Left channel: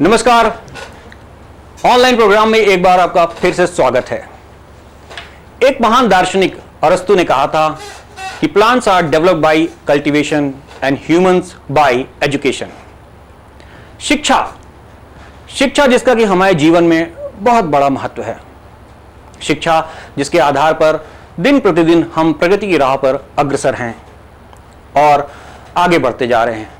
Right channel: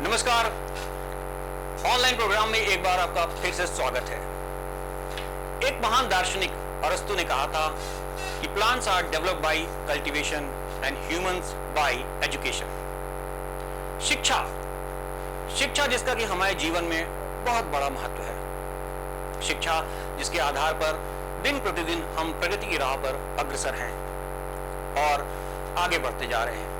नमस्कार। Online programme में एक बार आपका फिर से स्वागत है। एक महान दार्शनिक अरस्तु ने कहा था कि plants are developed by cultivation and humans by education. शिक्षा जिसका कि हमारे जीवन में बहुत बड़ा महत्व है। शिक्षा जिसके आधार पर दिन प्रतिदिन हम प्रगति की राह पर अग्रसर हैं और आगे बढ़ते जा रहे हैं।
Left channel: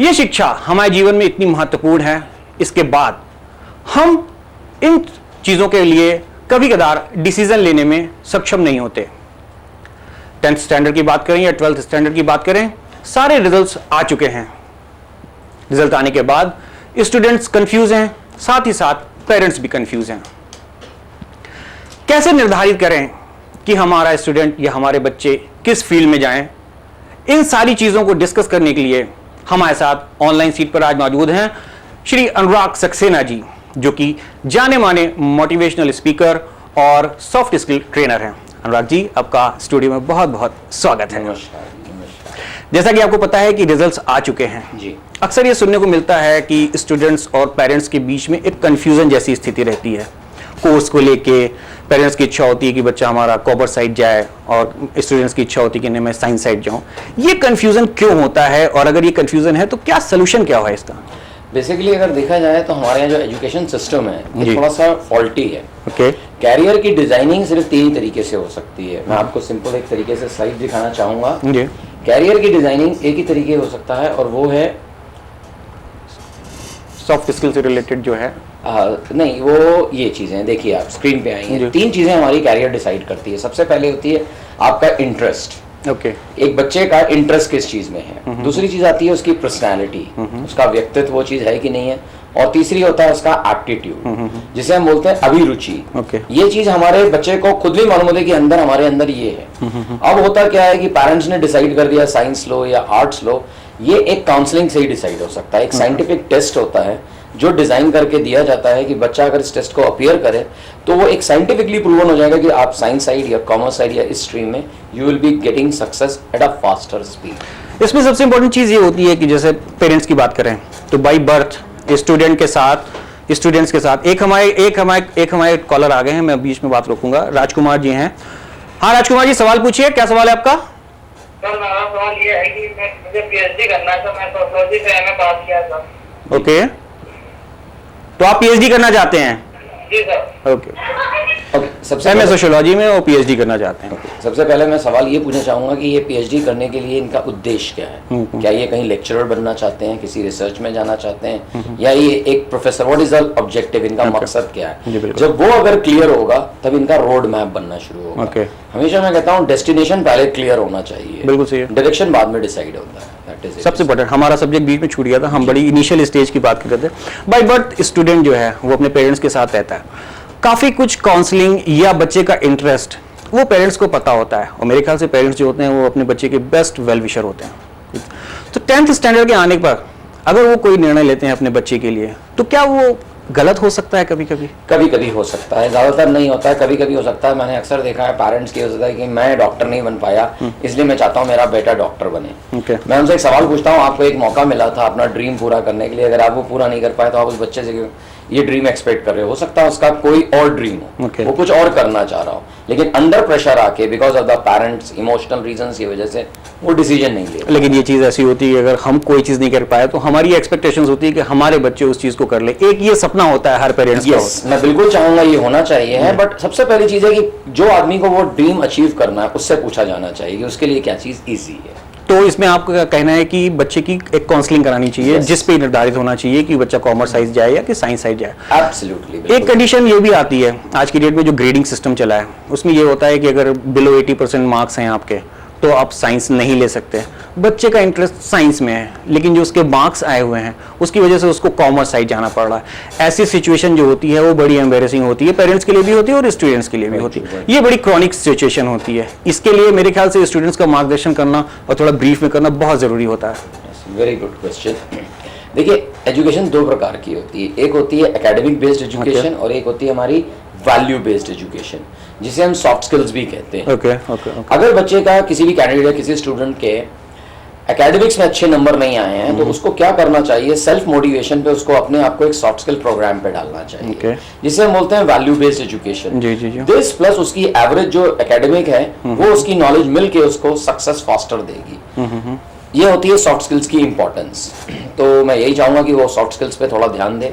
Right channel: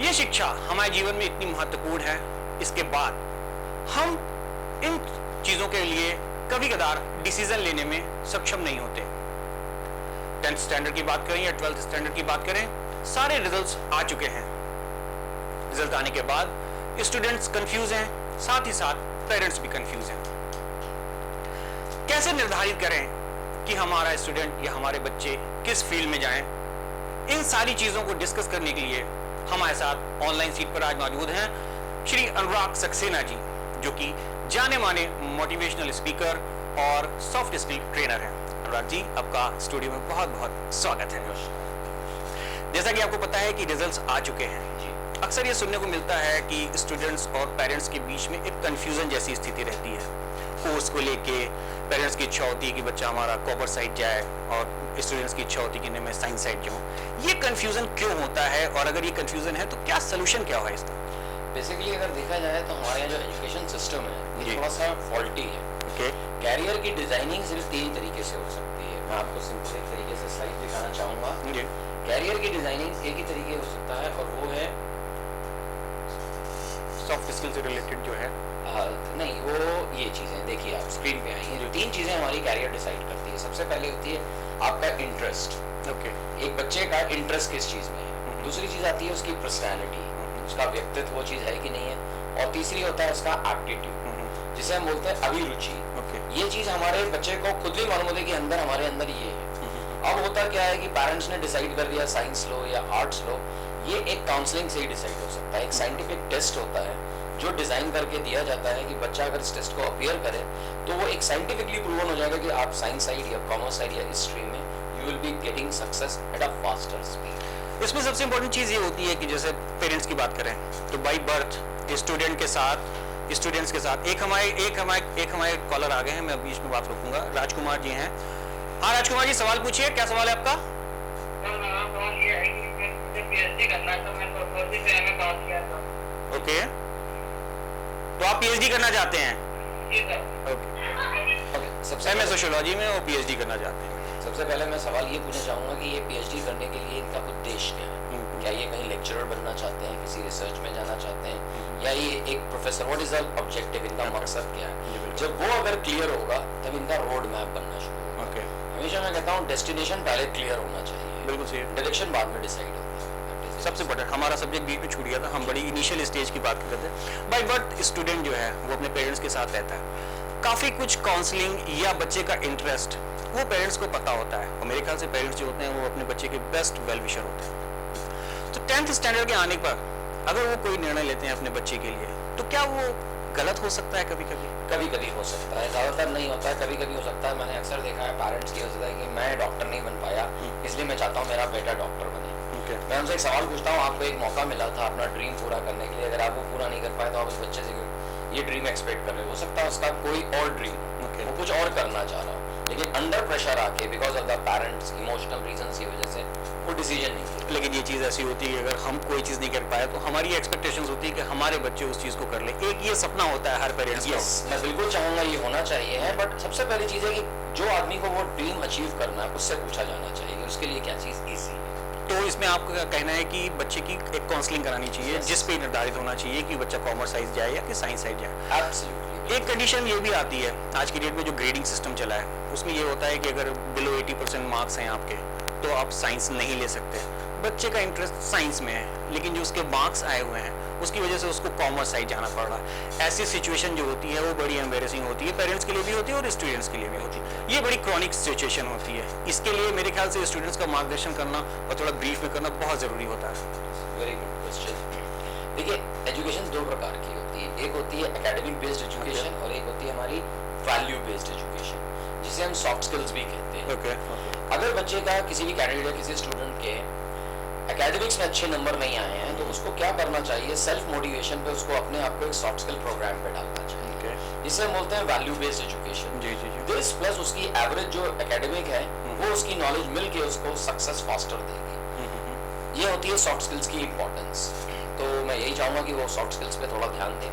यह शिक्षा हमारे जीवन में इतनी महत्वपूर्ण है, इसके बाद हम इन चीजों के लिए कभी कदार डिसीजन लेने में सक्षम नहीं होते। 10th स्टैंडर्ड की बात करें या 12th स्टैंडर्ड की बात करें, सारे रिजल्ट्स आ चुके हैं। रिजल्ट आने के बाद स्टूडेंट्स कंफ्यूज हैं, साथ ही साथ पेरेंट्स भी कंफ्यूज हैं। कैसे निर्धारित करें कि हमारा स्टूडेंट या हमारे बच्चे किस फील्ड में जाएं? इन सारी चीजों को डिस्कस करने के लिए हमारे साथ ऑनलाइन सीट पर आज मौजूद हैं श्री अनुराग सक्सेना जी, जो कि जाने माने मोटिवेशनल स्पीकर और सॉफ्ट स्किल ट्रेनर हैं। अनुराग जी, आपका स्टूडियो में बहुत बहुत स्वागत है। जैसा कि आपको पता है कि रिजल्ट्स आ चुके हैं जी। अक्सर ये सुनने को मिलता है कि स्टूडेंट्स और पेरेंट्स के बीच में एक कंफ्यूजन जैसी स्थिति रहती है। कोर्स को लेके पेरेंट्स की इच्छा होती है कि बच्चा हमारा कॉमर्स साइड जाए और स्टूडेंट्स की इच्छा होती है कि नहीं मैं साइंस साइड जाऊं। ये कंफ्यूजन क्यों होता है और अगर ये कंफ्यूजन है तो क्या सोल्यूशन क्या है इसका? बेसिकली अगर देखा जाए तो हमारे यहाँ जो एजुकेशन सिस्टम है ये थोड़ा सा फॉल्टी है। ओके। कैरियर की डिजाइनिंग सिर्फ 3 तरीके से हो सकती है। मैं आपको सिंपल एक तरीके से स्लाइड दिखाना चाहूंगा। कैरियर की डिजाइनिंग एक ही तरीके हो सकता है और वो है सॉफ्ट स्किल से रिलेटेड जो है। नहीं, वो ये चीजें देखिए आप स्क्रीन पे आई हैं। 3 चीजें हमारी कैरियर डिसाइड करती है। सबसे पहले होती है आपका इंटरेस्ट। ओके। एक बच्चे का इंटरेस्ट किस चीज में है। दूसरी चीज आती है उसकी पर्सनैलिटी, उसका व्यक्तित्व वो चीज है कि नहीं है। और तीसरी होता है उसका एप्टीट्यूड, जिसे हम बोलते हैं अभिरुचि। ये चीज हमारे बच्चे को खुद भी मालूम होता है कि अंदर हमारे अंदर ये है। अब होता क्या है कि पेरेंट्स ने डिसाइड कर दिया साइंस लो या आर्ट्स लो, ये एक काउंसलिंग से ही डिसाइड हो सकता है। एक साइंटिफिक टेस्ट होता है जो डिजाइन करके दिया जाता है कि बच्चा अगर इस टेस्ट को अपीयर करे तो वो एक साइंटिफिकली प्रूवन हो जाएगा कि आप साइंस साइड या कॉमर्स साइड या इस स्ट्रीम में you will be getting success at a faster speed. इसमें सबसे इंपॉर्टेंट चीज ये होती है कि जैसे पेरेंट्स की बात करें तो बाय बर्थ स्टूडेंट्स के साथ एक हमारे कॉलर आ गए हैं। मैं बीच में बात रोकूंगा। राजकुमार जी हैं। हाँ राजकुमार जी, सवाल पूछिए। क्या सवाल है आपका? सर मेरा सवाल ये है कि मुझे पीएचडी करना है। मैं सोशियोलॉजी से एमए पास किया था। ओके, तो आप पीएचडी करना चाहते हैं? जी सर। ओके। सबसे एमए सोशियोलॉजी में और पीएचडी करना चाहते हैं। सबसे पहले मैं सवाल ये पूछना चाहूंगा कि ये पीएचडी करने के लिए इनका उद्देश्य क्या है? क्या ये कहीं लेक्चरर बनना चाहते हैं, किसी रिसर्च में जाना चाहते हैं, या ये एक professor? What is the objective? इनका मकसद क्या है? जब वो अगर क्लियर होगा तब इनका रोड मैप बनना शुरू होगा। हमेशा मैं कहता हूँ डेस्टिनेशन पहले क्लियर होना चाहिए। बिल्कुल सही है। डायरेक्शन बाद में डिसाइड होता है। सबसे इम्पोर्टेंट, हमारा सब्जेक्ट बीच में छूट गया था। हम बड़ी इनिशियल स्टेज की बात कर रहे थे। बाय बर्थ स्टूडेंट जो है वो अपने पेरेंट्स के साथ रहता है। काफी कुछ काउंसलिंग या बच्चे का इंटरेस्ट वो पेरेंट्स को पता होता है, और मेरे ख्याल से पेरेंट्स जो होते हैं वो अपने बच्चे के बेस्ट वेल विशर होते हैं। तो 10th स्टैंडर्ड के आने पर अगर वो कोई निर्णय लेते हैं अपने बच्चे के लिए, तो क्या वो गलत हो सकता है? कभी कभी हो सकता है, ज्यादातर नहीं होता है, कभी कभी हो सकता है। मैंने अक्सर देखा है पेरेंट्स की हो सकता है कि मैं डॉक्टर नहीं बन पाया इसलिए मैं चाहता हूँ मेरा बेटा डॉक्टर बने। मैं उनसे एक सवाल पूछता हूँ, आपको एक मौका मिला था अपना ड्रीम पूरा करने के लिए, अगर आप वो पूरा नहीं कर पाए तो आप उस बच्चे से ये ड्रीम एक्सपेक्ट कर रहे हो सकता है उसका कोई और ड्रीम हो, वो कुछ और करना चाह रहा हो, लेकिन अंडर प्रेशर आके because of the parents emotional reasons की वजह से वो डिसीजन नहीं ले। लेकिन ये चीज ऐसी होती है अगर हम कोई चीज नहीं कर पाए तो हमारी एक्सपेक्टेशंस होती है कि हमारे बच्चे उस चीज को कर ले। एक ये सपना होता है हर पेरेंट्स का। मैं बिल्कुल चाहूंगा ये होना चाहिए है, बट सबसे पहली चीज है कि जो आदमी को वो ड्रीम अचीव करना है उससे पूछा जाना चाहिए कि उसके लिए क्या चीज ईजी है। तो इसमें आपका कहना है कि बच्चे की एक काउंसलिंग करानी चाहिए, जिस पे निर्धारित होना चाहिए कि बच्चा कॉमर्स साइड जाए या कि साइंस साइड जाए। एब्सोल्युटली। एक कंडीशन ये भी आती है आज की डेट में, जो ग्रेडिंग सिस्टम चला है उसमें ये होता है कि अगर बिलो 80% मार्क्स हैं आपके तो आप साइंस नहीं ले सकते। बच्चे का इंटरेस्ट साइंस में है लेकिन जो उसके मार्क्स आए हुए हैं उसकी वजह से उसको कॉमर्स साइड जाना पड़ रहा है। ऐसी सिचुएशन जो होती है वो बड़ी एम्बेरसिंग होती है, पेरेंट्स के लिए भी होती है और स्टूडेंट्स के लिए भी होती है। ये बड़ी क्रॉनिक सिचुएशन होती है। इसके लिए मेरे ख्याल से स्टूडेंट्स का मार्गदर्शन करना और थोड़ा ब्रीफ में करना बहुत जरूरी होता है। Very good question. देखिए, एजुकेशन 2 प्रकार की होती है। एक होती है एकेडमिक बेस्ड एजुकेशन और एक होती है हमारी वैल्यू बेस्ड एजुकेशन, जिसे हम सॉफ्ट स्किल्स भी कहते हैं। ओके। अगर बच्चे का किसी भी कैंडिडेट या किसी स्टूडेंट के एकेडमिक्स में अच्छे नंबर नहीं आए हैं तो उसको क्या करना चाहिए, सेल्फ मोटिवेशन पे उसको अपने आप को एक सॉफ्ट स्किल प्रोग्राम पे डालना चाहिए, जिसे हम बोलते हैं value based education. This plus उसकी एवरेज जो एकेडमिक है वो उसकी नॉलेज मिल के उसको सक्सेस फास्टर देगी। ये होती है सॉफ्ट स्किल्स की इंपॉर्टेंस। तो मैं यही चाहूंगा कि वो सॉफ्ट स्किल्स पे थोड़ा ध्यान दें,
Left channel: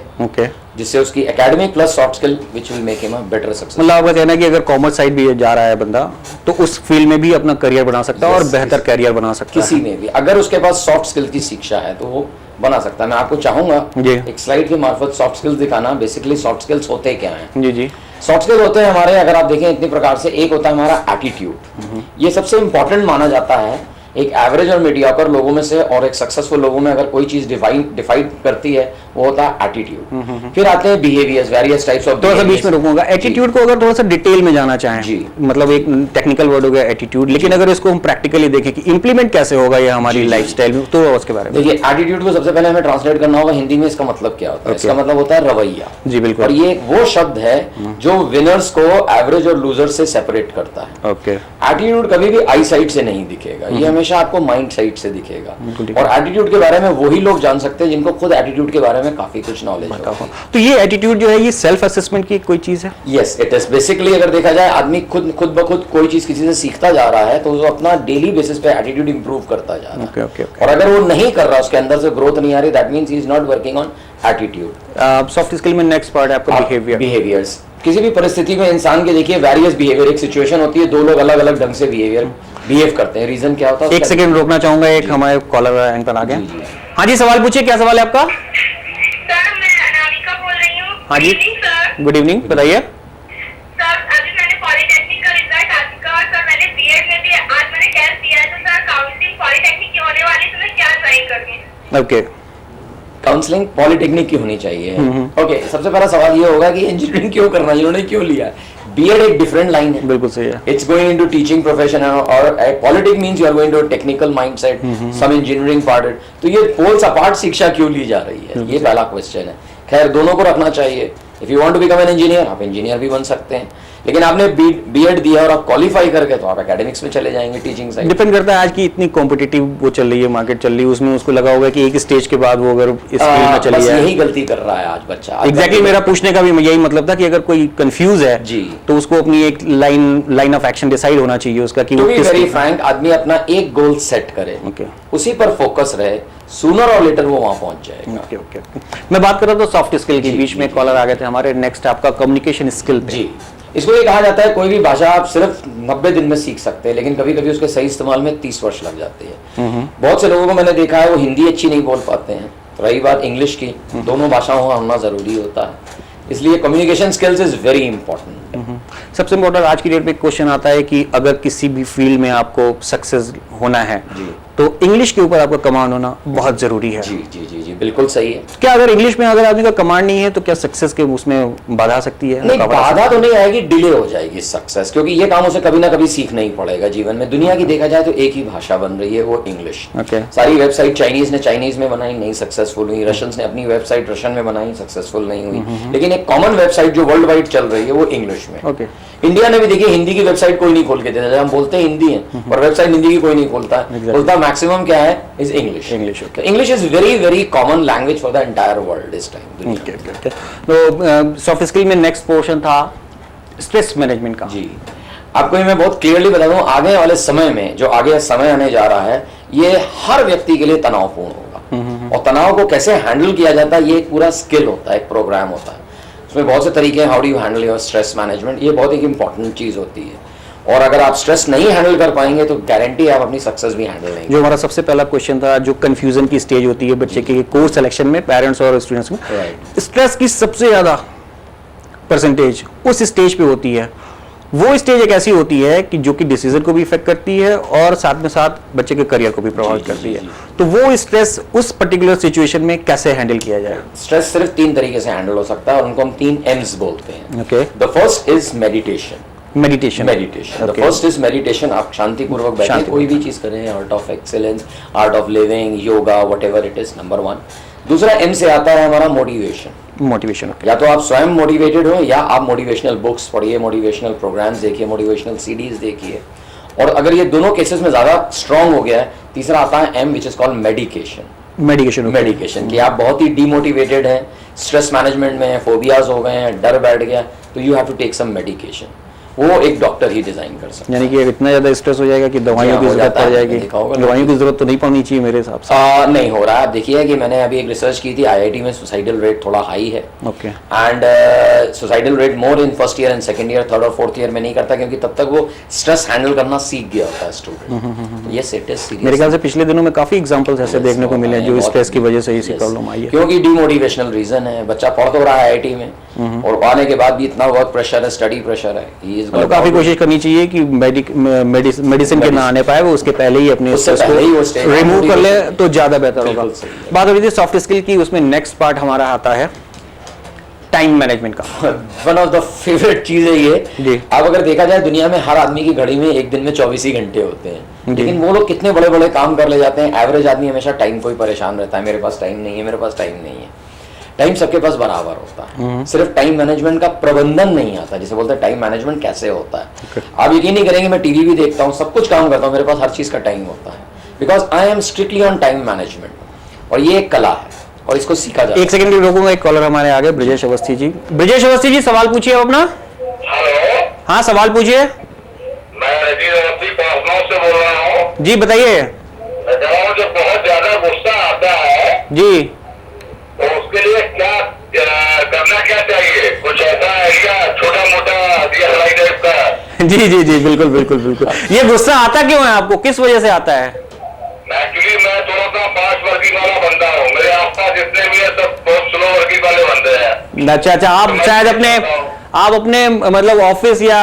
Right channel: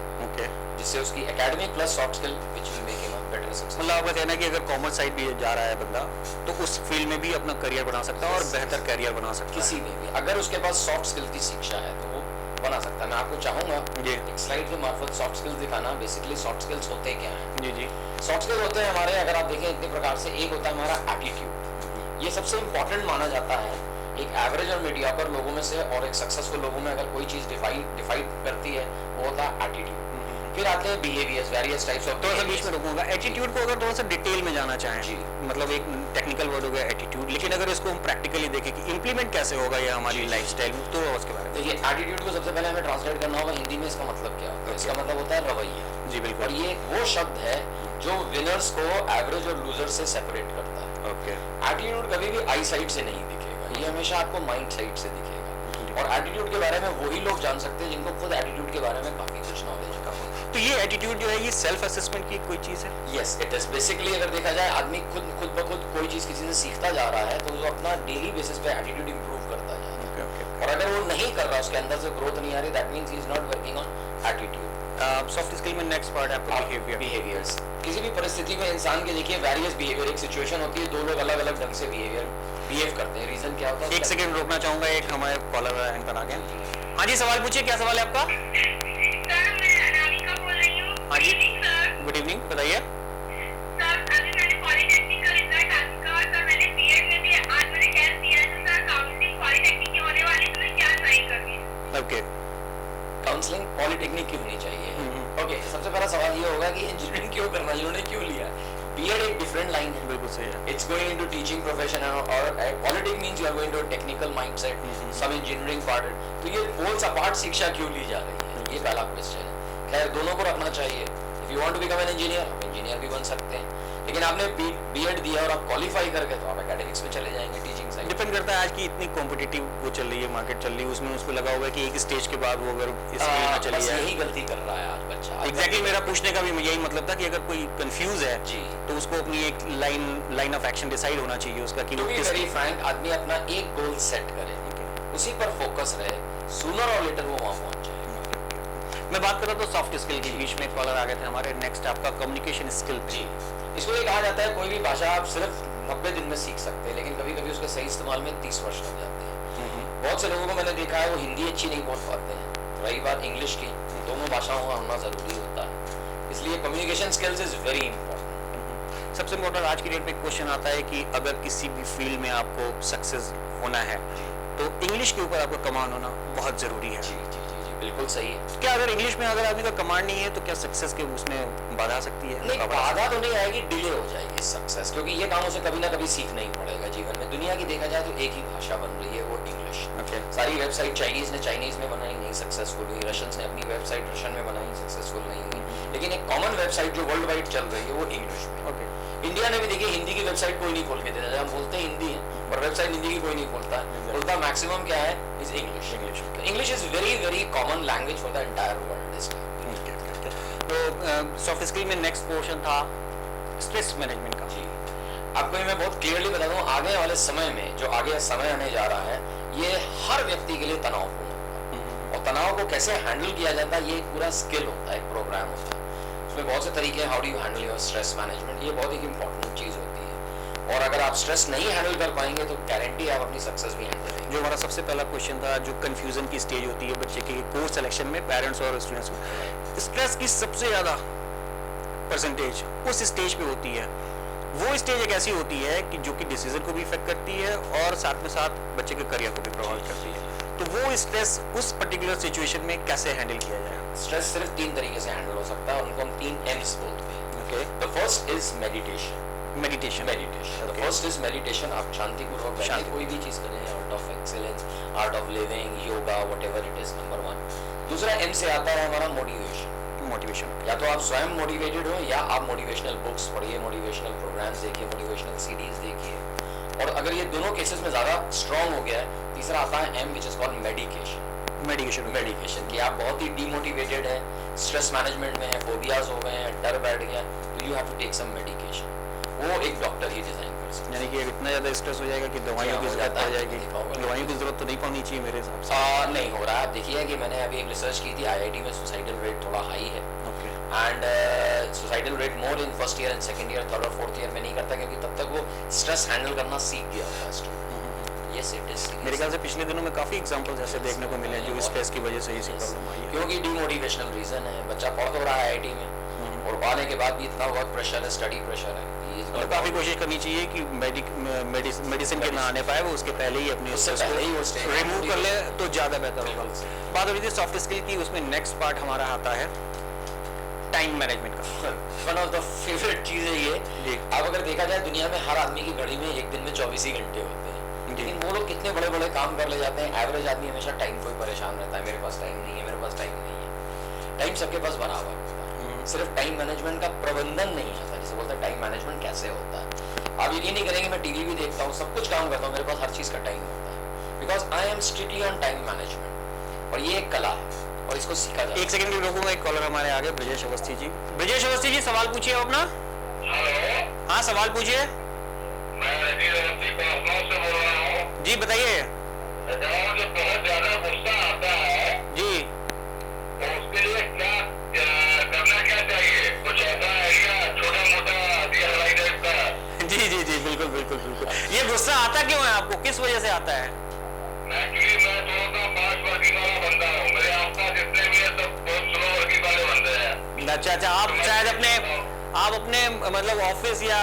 जिससे उसकी academic plus soft skill which will make him a better success. मतलब आपका कहना है कि अगर कॉमर्स साइड भी जा रहा है बंदा तो उस फील्ड में भी अपना करियर बना सकता है और बेहतर करियर बना सकता है किसी में भी, अगर उसके पास सॉफ्ट स्किल की शिक्षा है तो वो बना सकता है। मैं आपको चाहूंगा एक स्लाइड के मार्फत सॉफ्ट स्किल्स दिखाना। बेसिकली सॉफ्ट स्किल्स होते क्या हैं? जी। सॉफ्ट स्किल होते हैं हमारे, अगर आप देखें इतने प्रकार से, एक होता है हमारा एटीट्यूड। ये सबसे इंपॉर्टेंट माना जाता है एक एवरेज और मीडियोकर लोगों में से और एक सक्सेसफुल लोगों में अगर कोई चीज डिफाइड करती है वो होता है एटीट्यूड। फिर आते हैं बिहेवियर्स, वेरियस टाइप्स ऑफ। थोड़ा सा बीच में रुकूंगा, एटीट्यूड को अगर थोड़ा सा डिटेल में जाना चाहें, मतलब एक टेक्निकल वर्ड हो गया एटीट्यूड, लेकिन अगर इसको हम प्रैक्टिकली देखें कि इंप्लीमेंट कैसे होगा ये हमारी लाइफस्टाइल में, तो उसके बारे में देखिए। एटीट्यूड को सबसे पहले हमें ट्रांसलेट करना होगा हिंदी में, इसका मतलब क्या होता है? इसका मतलब होता है रवैया। जी बिल्कुल। और ये वो शब्द है जो विनर्स को एवरेज और लूजर से सेपरेट करता है। एटीट्यूड कभी भी आई साइड से नहीं दिखेगा, ये हमेशा आपको माइंड साइड से दिखेगा। और एटीट्यूड के बारे में वही लोग जान सकते हैं जिनको खुद एटीट्यूड के बारे में काफी कुछ नॉलेज है। तो ये एटीट्यूड जो है ये सेल्फ असेसमेंट की कोई चीज है? Yes it is. बेसिकली अगर देखा जाए आदमी खुद ब खुद कोई चीज किसी से सीखता जा रहा है तो वो अपना डेली बेसिस पे एटीट्यूड इंप्रूव करता जा रहा है। और अगर वो नहीं कर रहा, उसके अंदर से ग्रोथ नहीं आ रही, that means he is not working on attitude. Soft skill में नेक्स्ट पार्ट है आपका बिहेवियर्स। किसी भी परिस्थिति में इंसान के देखिए वेरियस बिहेवियर, एक सिचुएशन होती है, दो लोग अलग अलग ढंग से बिहेव करते हैं। रीजन क्या होता है? एक सेकंड रोकना चाहूंगा, एक हमारे कॉलर एंकर आ गया। हाँ जी, सवाल पूछिए, क्या सवाल है आपका? सर मैं अनामिका बोल रही हूँ। हाँ जी, गुड इवनिंग, बताइए। सर अभी मैंने पॉलिटेक्निक का रिजल्ट आ चुका और सर मैंने बीएड में भी आज मैंने टेस्ट दिया है, तो सर काउंसलिंग पॉलिटेक्निक की होने वाली, तो मैं क्या ट्राई करूँ? ओके, काउंसलिंग पॉलिटेक्निक की होनी चाहिए। ओके, सबसे पहला सवाल ये होगा कि इंजीनियरिंग क्यों करना, इन्होंने क्यों लिया? बीएड एक डिफरेंट लाइन है। बिल्कुल सही है। It's going into teaching profession और politics means you are going to technical mindset, some engineering part. तो ये पोल्स अपार्ट शिक्षा क्यों ली जा रही है, ये पहला क्वेश्चन है। खैर दोनों को रखना चाहिए। If you want to become an engineer, आप इंजीनियर भी बन सकते हैं, लेकिन आपने बीएड दिया और आप क्वालिफाई करके तो आप एकेडमिक्स में चले जाएंगे, टीचिंग साइड। डिपेंड करता है, आज की इतनी कॉम्पिटिटिव वो चल रही है, मार्केट चल रही है, उसमें उसको लगा होगा कि एक स्टेज के बाद वो अगर इस फील्ड में चली जाए। यही गलती कर रहा है आज बच्चा। एग्जैक्टली मेरा पूछने का भी यही मतलब था कि अगर कोई कंफ्यूज है जी तो उसको अपनी एक लाइन ऑफ एक्शन डिसाइड होना चाहिए उसका कि वो किस वेरी फ्रैंक आदमी अपना एक गोल सेट करे, उसी पर फोकस रहे, सूनर और लेटर वो वहां पहुंच जाएगा। ओके। मैं बात कर रहा था सॉफ्ट स्किल के, बीच में कॉलर आ गए थे हमारे। नेक्स्ट आपका कम्युनिकेशन स्किल जी। इसको ये कहा जाता है कोई भी भाषा आप सिर्फ 90 दिन में सीख सकते हैं, लेकिन कभी कभी उसके सही इस्तेमाल में 30 वर्ष लग जाते हैं। बहुत से लोगों को मैंने देखा है वो हिंदी अच्छी नहीं बोल पाते हैं, रही बात इंग्लिश की, दोनों भाषाओं का होना जरूरी होता है। इसलिए communication skills is very important. सबसे इम्पोर्टेंट आज की डेट में क्वेश्चन आता है कि अगर किसी भी फील्ड में आपको सक्सेस होना है तो इंग्लिश के ऊपर आपका कमांड होना बहुत जरूरी है। जी जी जी जी बिल्कुल सही है। क्या अगर इंग्लिश में अगर आदमी का कमांड नहीं है तो क्या सक्सेस के उसमें बाधा आ सकती है? नहीं, बाधा तो नहीं आएगी, डिले हो जाएगी सक्सेस, क्योंकि ये काम उसे कभी ना कभी सीखना ही पड़ेगा जीवन में। दुनिया की देखा जाए तो एक ही भाषा बन रही है, वो इंग्लिश। सारी वेबसाइट चाइनीज ने चाइनीज में बनाई, नहीं सक्सेसफुल हुई। रशियंस ने अपनी वेबसाइट रशियन में बनाई, सक्सेसफुल नहीं हुई। लेकिन एक कॉमन वेबसाइट जो वर्ल्ड वाइड चल रही है वो इंग्लिश में। इंडिया ने भी देखिए हिंदी की वेबसाइट कोई नहीं खोल के देता, हम बोलते हैं हिंदी है और वेबसाइट हिंदी की कोई नहीं खोलता है, बोलता मैक्सिमम क्या है is English. English is very common language for the entire world this time. तो सॉफ्ट स्किल में नेक्स्ट पोर्शन था स्ट्रेस मैनेजमेंट का। जी, आपको मैं बहुत क्लियरली बता दूं, आगे वाले समय में जो आगे समय आने जा रहा है ये हर व्यक्ति के लिए तनावपूर्ण होगा। और तनाव को कैसे हैंडल किया जाता है ये एक पूरा स्किल होता है, एक प्रोग्राम होता है। उसमें बहुत से तरीके हैं, how do you handle your stress management, ये बहुत एक इंपॉर्टेंट चीज होती है। और अगर आप स्ट्रेस नहीं हैंडल कर पाएंगे तो गारंटी आप अपनी सक्सेस भी हैंडल नहीं। जो हमारा सबसे पहला क्वेश्चन था, जो कंफ्यूजन की स्टेज होती है बच्चे के कोर्स सिलेक्शन में, पेरेंट्स और स्टूडेंट्स में, स्ट्रेस की सबसे ज्यादा परसेंटेज उस स्टेज पे होती है। वो स्टेज एक ऐसी होती है कि जो कि डिसीजन को भी इफेक्ट करती है और साथ में साथ बच्चे के करियर को भी प्रभावित करती है। तो वो स्ट्रेस उस पर्टिकुलर सिचुएशन में कैसे हैंडल किया जाए? स्ट्रेस सिर्फ 3 तरीके से हैंडल हो सकता है और उनको हम 3 M's बोलते हैं। Okay, the first is meditation. The first is meditation. आप शांति पूर्वक बैठे कोई भी चीज करें, art of excellence, art of living, yoga, whatever it is, number 1। दूसरा M से आता है हमारा मोटिवेशन। या तो आप स्वयं मोटिवेटेड हो या आप मोटिवेशनल बुक्स पढ़िए, मोटिवेशनल प्रोग्राम्स देखिए, मोटिवेशनल सीडीज देखिए। और अगर ये दोनों केसेस में ज्यादा स्ट्रांग हो गया है, तीसरा आता है M which is called medication. Medication कि आप बहुत ही डिमोटिवेटेड हैं, स्ट्रेस मैनेजमेंट में है, फोबियाज हो गए हैं, डर बैठ गया, तो you have to take some medication. वो एक डॉक्टर ही डिजाइन कर सकता है। यानी कि इतना ज्यादा स्ट्रेस हो जाएगा कि दवाइयों की जरूरत पड़ जाएगी। दवाइयों की जरूरत तो नहीं पड़नी चाहिए मेरे हिसाब से। नहीं हो रहा है। आप देखिए कि मैंने अभी एक रिसर्च की थी, आईआईटी में सुसाइडल रेट थोड़ा हाई है। Okay. And suicidal rate more in first year and second year, third और फोर्थ ईयर में नहीं करता, क्योंकि तब तक वो स्ट्रेस हैंडल करना सीख गया होता है student. Yes, it is serious. मेरे ख्याल से पिछले दिनों में काफी एग्जांपल्स ऐसे देखने को मिले हैं जो स्ट्रेस की वजह से इसी प्रॉब्लम आई है। क्योंकि डिमोटिवेशनल रीजन है, बच्चा पढ़ तो रहा है आईआईटी में और पाने के बाद भी इतना वर्क प्रेशर है, स्टडी प्रेशर है, काफी कोशिश करनी चाहिए कि मेडिसिन के ना आने पाए, वो उसके पहले ही अपने स्ट्रेस को रिमूव कर ले तो ज्यादा बेहतर होगा। बात हो रही थी सॉफ्ट स्किल की, उसमें नेक्स्ट पार्ट हमारा आता है टाइम मैनेजमेंट का। वन ऑफ द फेवरेट चीज है ये। अब अगर देखा जाए दुनिया में हर आदमी की घड़ी में एक दिन में 24 ही घंटे होते हैं, लेकिन वो लोग कितने बड़े बड़े काम कर ले जाते हैं। एवरेज आदमी हमेशा टाइम को ही परेशान रहता है, मेरे पास टाइम नहीं है, मेरे पास टाइम नहीं है। टाइम सबके पास बराबर होता है, सिर्फ टाइम मैनेजमेंट का प्रबंधन नहीं आता, जिसे बोलते हैं टाइम मैनेजमेंट कैसे होता है। आप यकीन नहीं करेंगे, मैं टीवी भी देखता हूँ, सब कुछ काम करता हूँ, मेरे पास हर चीज का टाइम होता है, because I am strictly on time management. और ये एक कला है और इसको सीखा जाए। एक सेकंड के लिए रोकूंगा, एक कॉलर हमारे आगे, ब्रजेश अवस्थी जी। ब्रजेश अवस्थी जी, सवाल पूछिए अपना। हेलो। हाँ, सवाल पूछिए। मैं रजीज अवस्थी पहुंचना से बोल रहा हूँ जी, बताइए। जब बहुत ज्यादा गुस्सा आता है जी, तो उसके लिए क्या करना क्या चाहिए? कुछ ऐसा आइडिया छोटा मोटा दिया टाइप का? जी जी जी, बिल्कुल बिल्कुल बिल्कुल। ये गुस्सा आता क्यों है आपको, किस वजह से आता है? एक्चुअली मैं थोड़ा सा फास्ट वर्किंग वाला बंदा हूँ, मेरे आसपास जितने भी है सब बहुत स्लो वर्किंग वाले बंदे हैं। अच्छा, आप शायद अपने मतलब ऑफिस या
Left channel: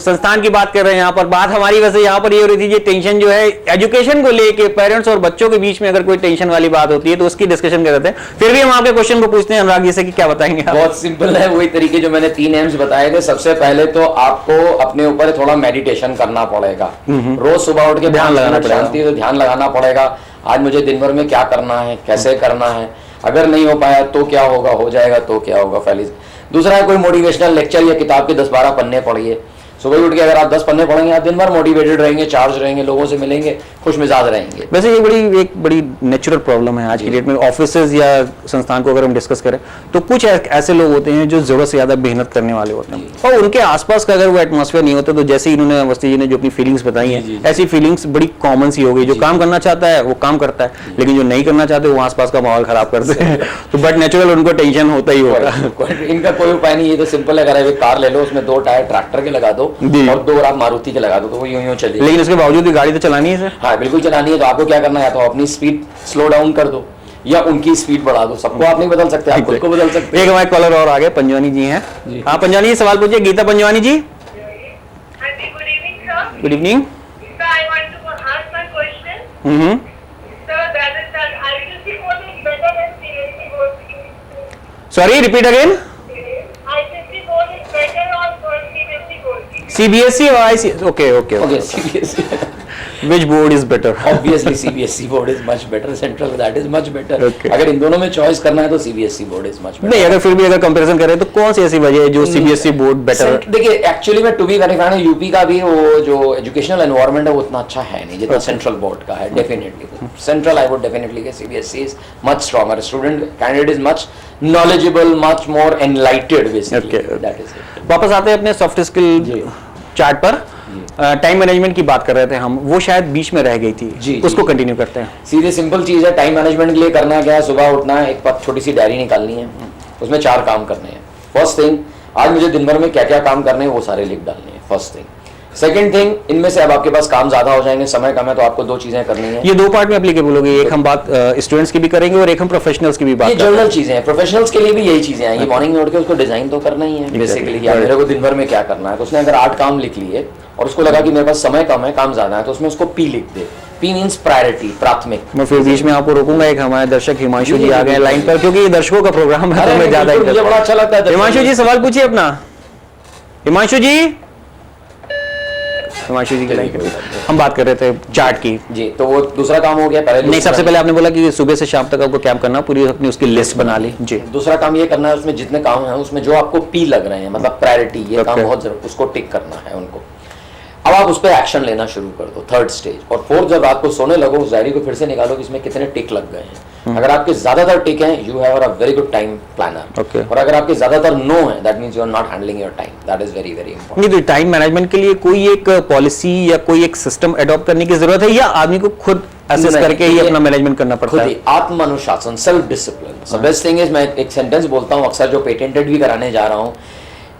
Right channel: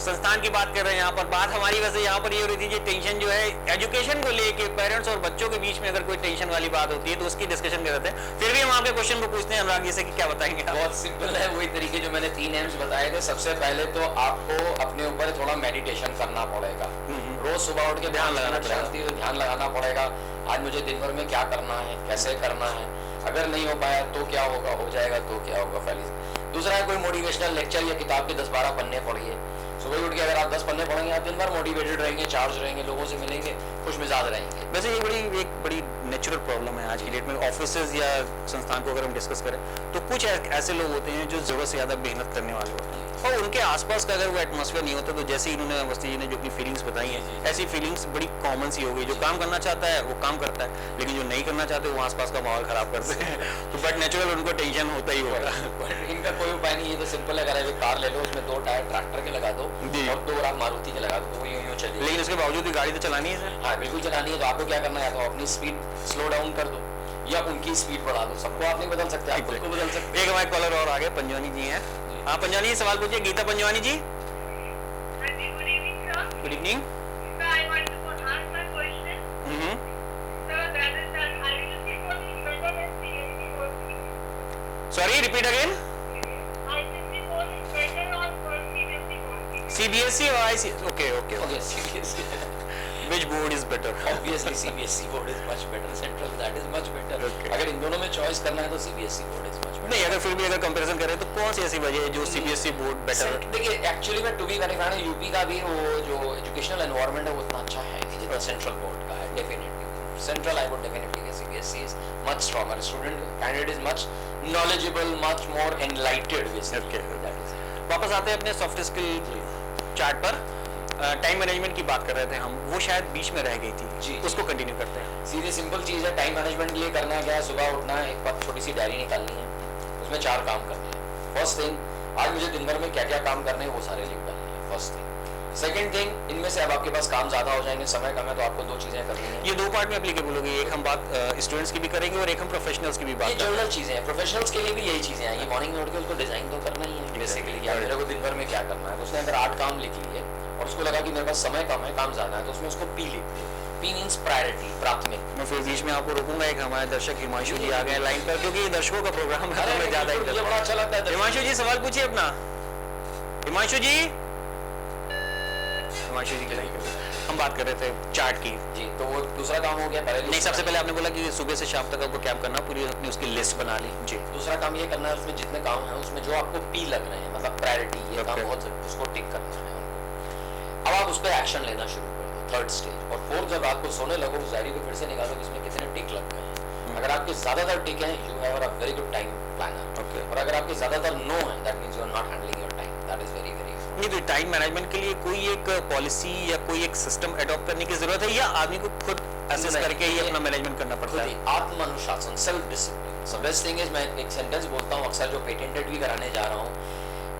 संस्थान की बात कर रहे हैं। यहाँ पर बात हमारी वैसे यहाँ पर ये हो रही थी, ये टेंशन जो है एजुकेशन को लेके पेरेंट्स और बच्चों के बीच में अगर कोई टेंशन वाली बात होती है तो उसकी डिस्कशन कर रहे थे। फिर भी हम आपके क्वेश्चन को पूछते हैं अनुराग जी से कि क्या बताएंगे आप? बहुत सिंपल है, वही तरीके जो मैंने 3 एम्स बताए थे। सबसे पहले तो आपको अपने ऊपर थोड़ा मेडिटेशन करना पड़ेगा, रोज सुबह उठ के ध्यान लगाना पड़ेगा। आज मुझे दिन भर में क्या करना है, कैसे करना है, अगर नहीं हो पाया तो क्या होगा, हो जाएगा तो क्या होगा, पहले। दूसरा है कोई मोटिवेशनल लेक्चर या किताब के 10-12 पन्ने पढ़िए। सुबह उठ के अगर आप 10 पन्ने पढ़ेंगे, आप दिन भर मोटिवेटेड रहेंगे, चार्ज रहेंगे, लोगों से मिलेंगे, खुश मिजाज रहेंगे। वैसे ये एक बड़ी नेचुरल प्रॉब्लम है आज की डेट में। ऑफिसेज या संस्थान को अगर हम डिस्कस करें तो कुछ ऐसे लोग होते हैं जो जरूरत से ज्यादा मेहनत करने वाले होते हैं, और उनके आसपास का अगर वो एटमॉस्फेयर नहीं होता, तो जैसे इन्होंने अवस्थी जी ने जो अपनी फीलिंग्स बताई हैं, ऐसी फीलिंग्स बड़ी कॉमन सी हो गई। जो काम करना चाहता है वो काम करता है, लेकिन जो नहीं करना चाहते वो आसपास का माहौल खराब करते हैं। तो बट नेचुरल उनको टेंशन होता ही होगा। इनका कोई उपाय नहीं, ये तो सिंपल है। अगर एक कार ले लो, उसमें 2 टायर ट्रैक्टर के लगा दो और 2 मारुति के लगा दो, तो वो यूं चलेगी। लेकिन उसके बावजूद भी गाड़ी तो चलानी है सर। हाँ, बिल्कुल चलानी है। तो आपको क्या करना है, तो अपनी स्पीड स्लो डाउन कर दो या उनकी स्पीड बढ़ा दो। सबको आप नहीं बदल सकते, आप खुद को बदल सकते हैं। एक हमारे कॉलर और आगे, पंजवानी जी हैं। हाँ, पंजवानी जी सवाल पूछिए। Geeta Panjwani ji, good evening sir. Good evening. Sir, I want to ask my question. Sir, that is ICSE board is better than CBSE board. Sorry, repeat again. ICSE board is better or CBSE board? CBSE or ICSE? Okay. Okay, CBSE. Which board is better? Obviously CBSE board is much better, central that is much better. Okay. अगर इन दोनों में choice करना है तो CBSE board is much better. नहीं, अगर फिर भी अगर कंपैरिजन करें तो कौन सी ऐसी वजह है जो CBSE बोर्ड बेटर है? देखिए, एक्चुअली में to be very frank, UP का भी वो जो एजुकेशनल एनवायरनमेंट है वो उतना अच्छा है नहीं जितना सेंट्रल बोर्ड का है। Definitely central I would definitely से CBSE is much stronger, student candidate is much knowledgeable, much more एनलाइटेड basically. That is. वापस आते हैं अपने सॉफ्ट स्किल चार्ट पर। टाइम मैनेजमेंट की बात कर रहे थे हम, वो शायद बीच में रह गई थी, उसको कंटिन्यू करते हैं। सीधे सिंपल चीज है, टाइम मैनेजमेंट के लिए करना क्या है, सुबह उठना है, एक छोटी सी डायरी निकालनी है, उसमें 4 काम करने हैं। फर्स्ट थिंग, आज मुझे दिन भर में क्या क्या काम करने हैं वो सारे लिख डालने हैं, फर्स्ट थिंग। सेकंड थिंग, इनमें से अब आपके पास काम ज्यादा हो जाएंगे, समय कम है, तो आपको 2 चीजें करनी है। ये 2 पार्ट में एप्लीकेबल होगी, एक हम बात स्टूडेंट्स की भी करेंगे और एक हम प्रोफेशनल्स की भी बात करेंगे। जनरल चीजें हैं, प्रोफेशनल्स के लिए भी यही चीजें हैं। ये मॉर्निंग में उठ के उसको डिजाइन तो करना ही है बेसिकली, मेरे को दिन भर में क्या करना है। तो उसने अगर 8 काम लिख लिए और उसको लगा कि मेरे पास समय कम है, काम ज्यादा है, तो उसमें उसको P लिख दे। P मींस प्रायोरिटी, प्राथमिक। मैं फिर बीच में आपको रोकूंगा, एक हमारे दर्शक हिमांशु जी आ गए लाइन पर, क्योंकि ये दर्शकों का प्रोग्राम है तो मैं ज्यादा मुझे बड़ा अच्छा लगता है। हिमांशु जी सवाल पूछिए अपना। हिमांशु जी की लाइन पर हम बात कर रहे थे चार्ट की जी। तो वो दूसरा काम हो गया। पहले नहीं, सबसे पहले आपने बोला कि सुबह से शाम तक आपको क्या करना, पूरी अपनी उसकी लिस्ट बना ली जी। दूसरा काम ये करना है, उसमें जितने काम हैं उसमें जो आपको P लग रहे हैं, मतलब प्रायोरिटी, ये काम बहुत जरूर, उसको टिक करना है उनको। अब आप उस पर एक्शन लेना शुरू कर दो, थर्ड स्टेज। और फोर्थ, जब रात को सोने लगो उस डायरी को फिर से निकालो कि इसमें कितने टिक लग गए हैं। अगर आपके ज्यादातर टिक हैं, you have a very good time planner. और अगर आपके ज्यादातर नो है, that means you are not handling your time. That is very very important. तो टाइम मैनेजमेंट के लिए कोई एक पॉलिसी या कोई एक सिस्टम अडॉप्ट करने की जरूरत है, या आदमी को खुद असेस करके ही अपना मैनेजमेंट करना पड़ता है? आत्म अनुशासन, self discipline. So best thing is, मैं एक सेंटेंस बोलता हूँ अक्सर, जो पेटेंटेड भी कराने जा रहा हूँ,